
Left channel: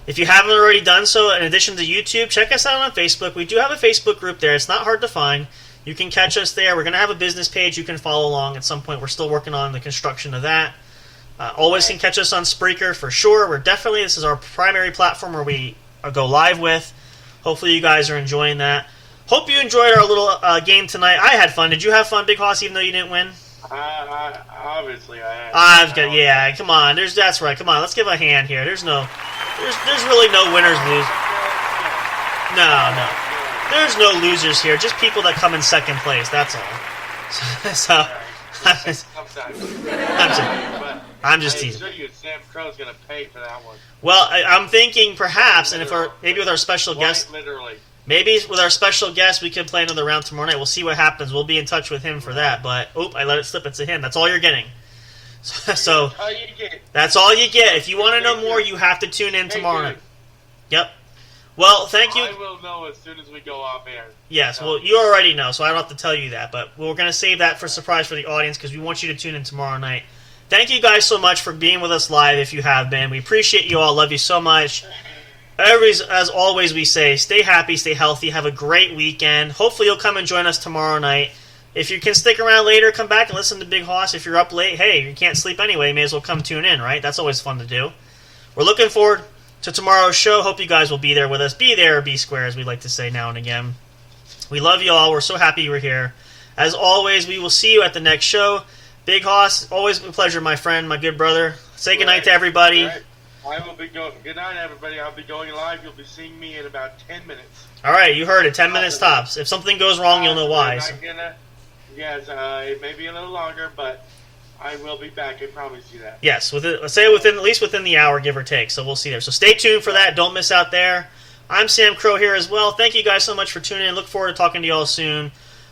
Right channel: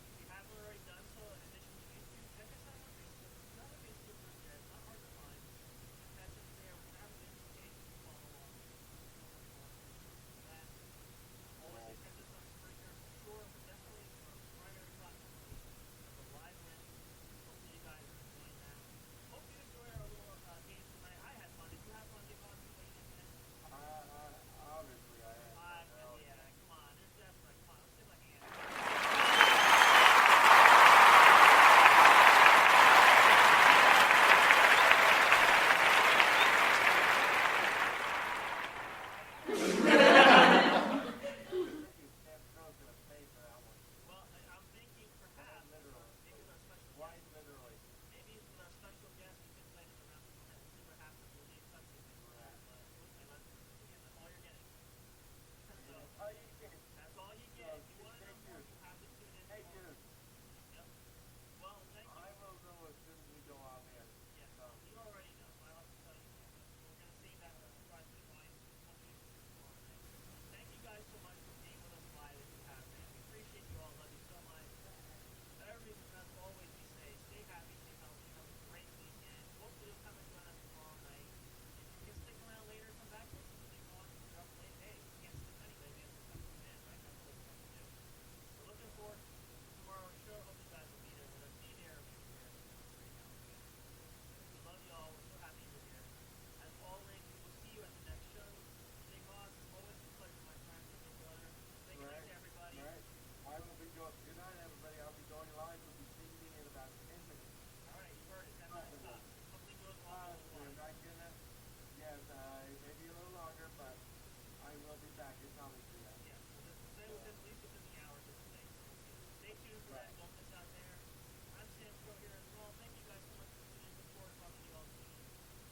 If you haven't already done so, in addition to YouTube, check us out on Facebook. We do have a Facebook group there. It's not hard to find. You can catch us there. We're going to have a business page you can follow along at some point. We're still working on the construction of that. Always can catch us on Spreaker for sure. This is our primary platform where we go live with. Hopefully you guys are enjoying that. Hope you enjoyed our little game tonight. I had fun. Did you have fun, Big Hoss, even though you didn't win? Obviously I had. Yeah, come on. That's right. Come on, let's give a hand here. There's really no winners, losers. No. There's no losers here. Just people that come in second place. That's all. I'm just teasing. I assure you, Sam Crow's gonna pay for that one. Well, I'm thinking perhaps, and maybe with our special guest, literally. Maybe with our special guest, we could play another round tomorrow night. We'll see what happens. We'll be in touch with him for that. But, I let it slip. It's a him. That's all you're getting. So that's all you get. If you want to know more, you have to tune in tomorrow night. Yep. Well, thank you. I will know as soon as we go off air. Yes, well, you already know, so I don't have to tell you that. But we're going to save that for a surprise for the audience because we want you to tune in tomorrow night. Thank you guys so much for being with us live if you have been. We appreciate you all. Love you so much. As always, we say, stay happy, stay healthy, have a great weekend. Hopefully you'll come and join us tomorrow night. If you can stick around later, come back and listen to Big Hoss. If you're up late, hey, you can't sleep anyway, you may as well come tune in, right? That's always fun to do. We're looking forward to tomorrow's show. Hope you guys will be there with us. Be there or be square, as we like to say now and again. We love you all. We're so happy you were here. As always, we will see you at the next show. Big Hoss, always a pleasure, my friend, my good brother. Say goodnight to everybody. Right. I will be going. Good night, everybody. I'll be going live. You'll be seeing me in about 10 minutes. All right, you heard it. 10 minutes tops. If something goes wrong, you'll know why. Yes, it may be a little longer, but I will be back. I promise you that. Yes, at least within the hour, give or take. So we'll see there. So stay tuned for that. Don't miss out there. I'm Sam Crow here as well. Thank you guys so much for tuning in. Look forward to talking to you all soon.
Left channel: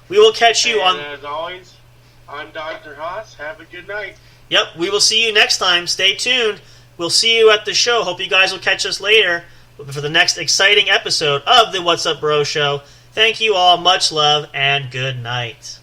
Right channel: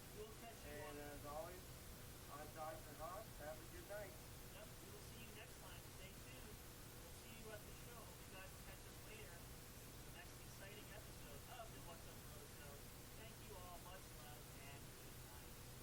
We will catch you on. As always, I'm Dr. Haas. Have a good night. Yep, we will see you next time. Stay tuned. We'll see you at the show. Hope you guys will catch us later for the next exciting episode of the What's Up Bro Show. Thank you all. Much love and good night.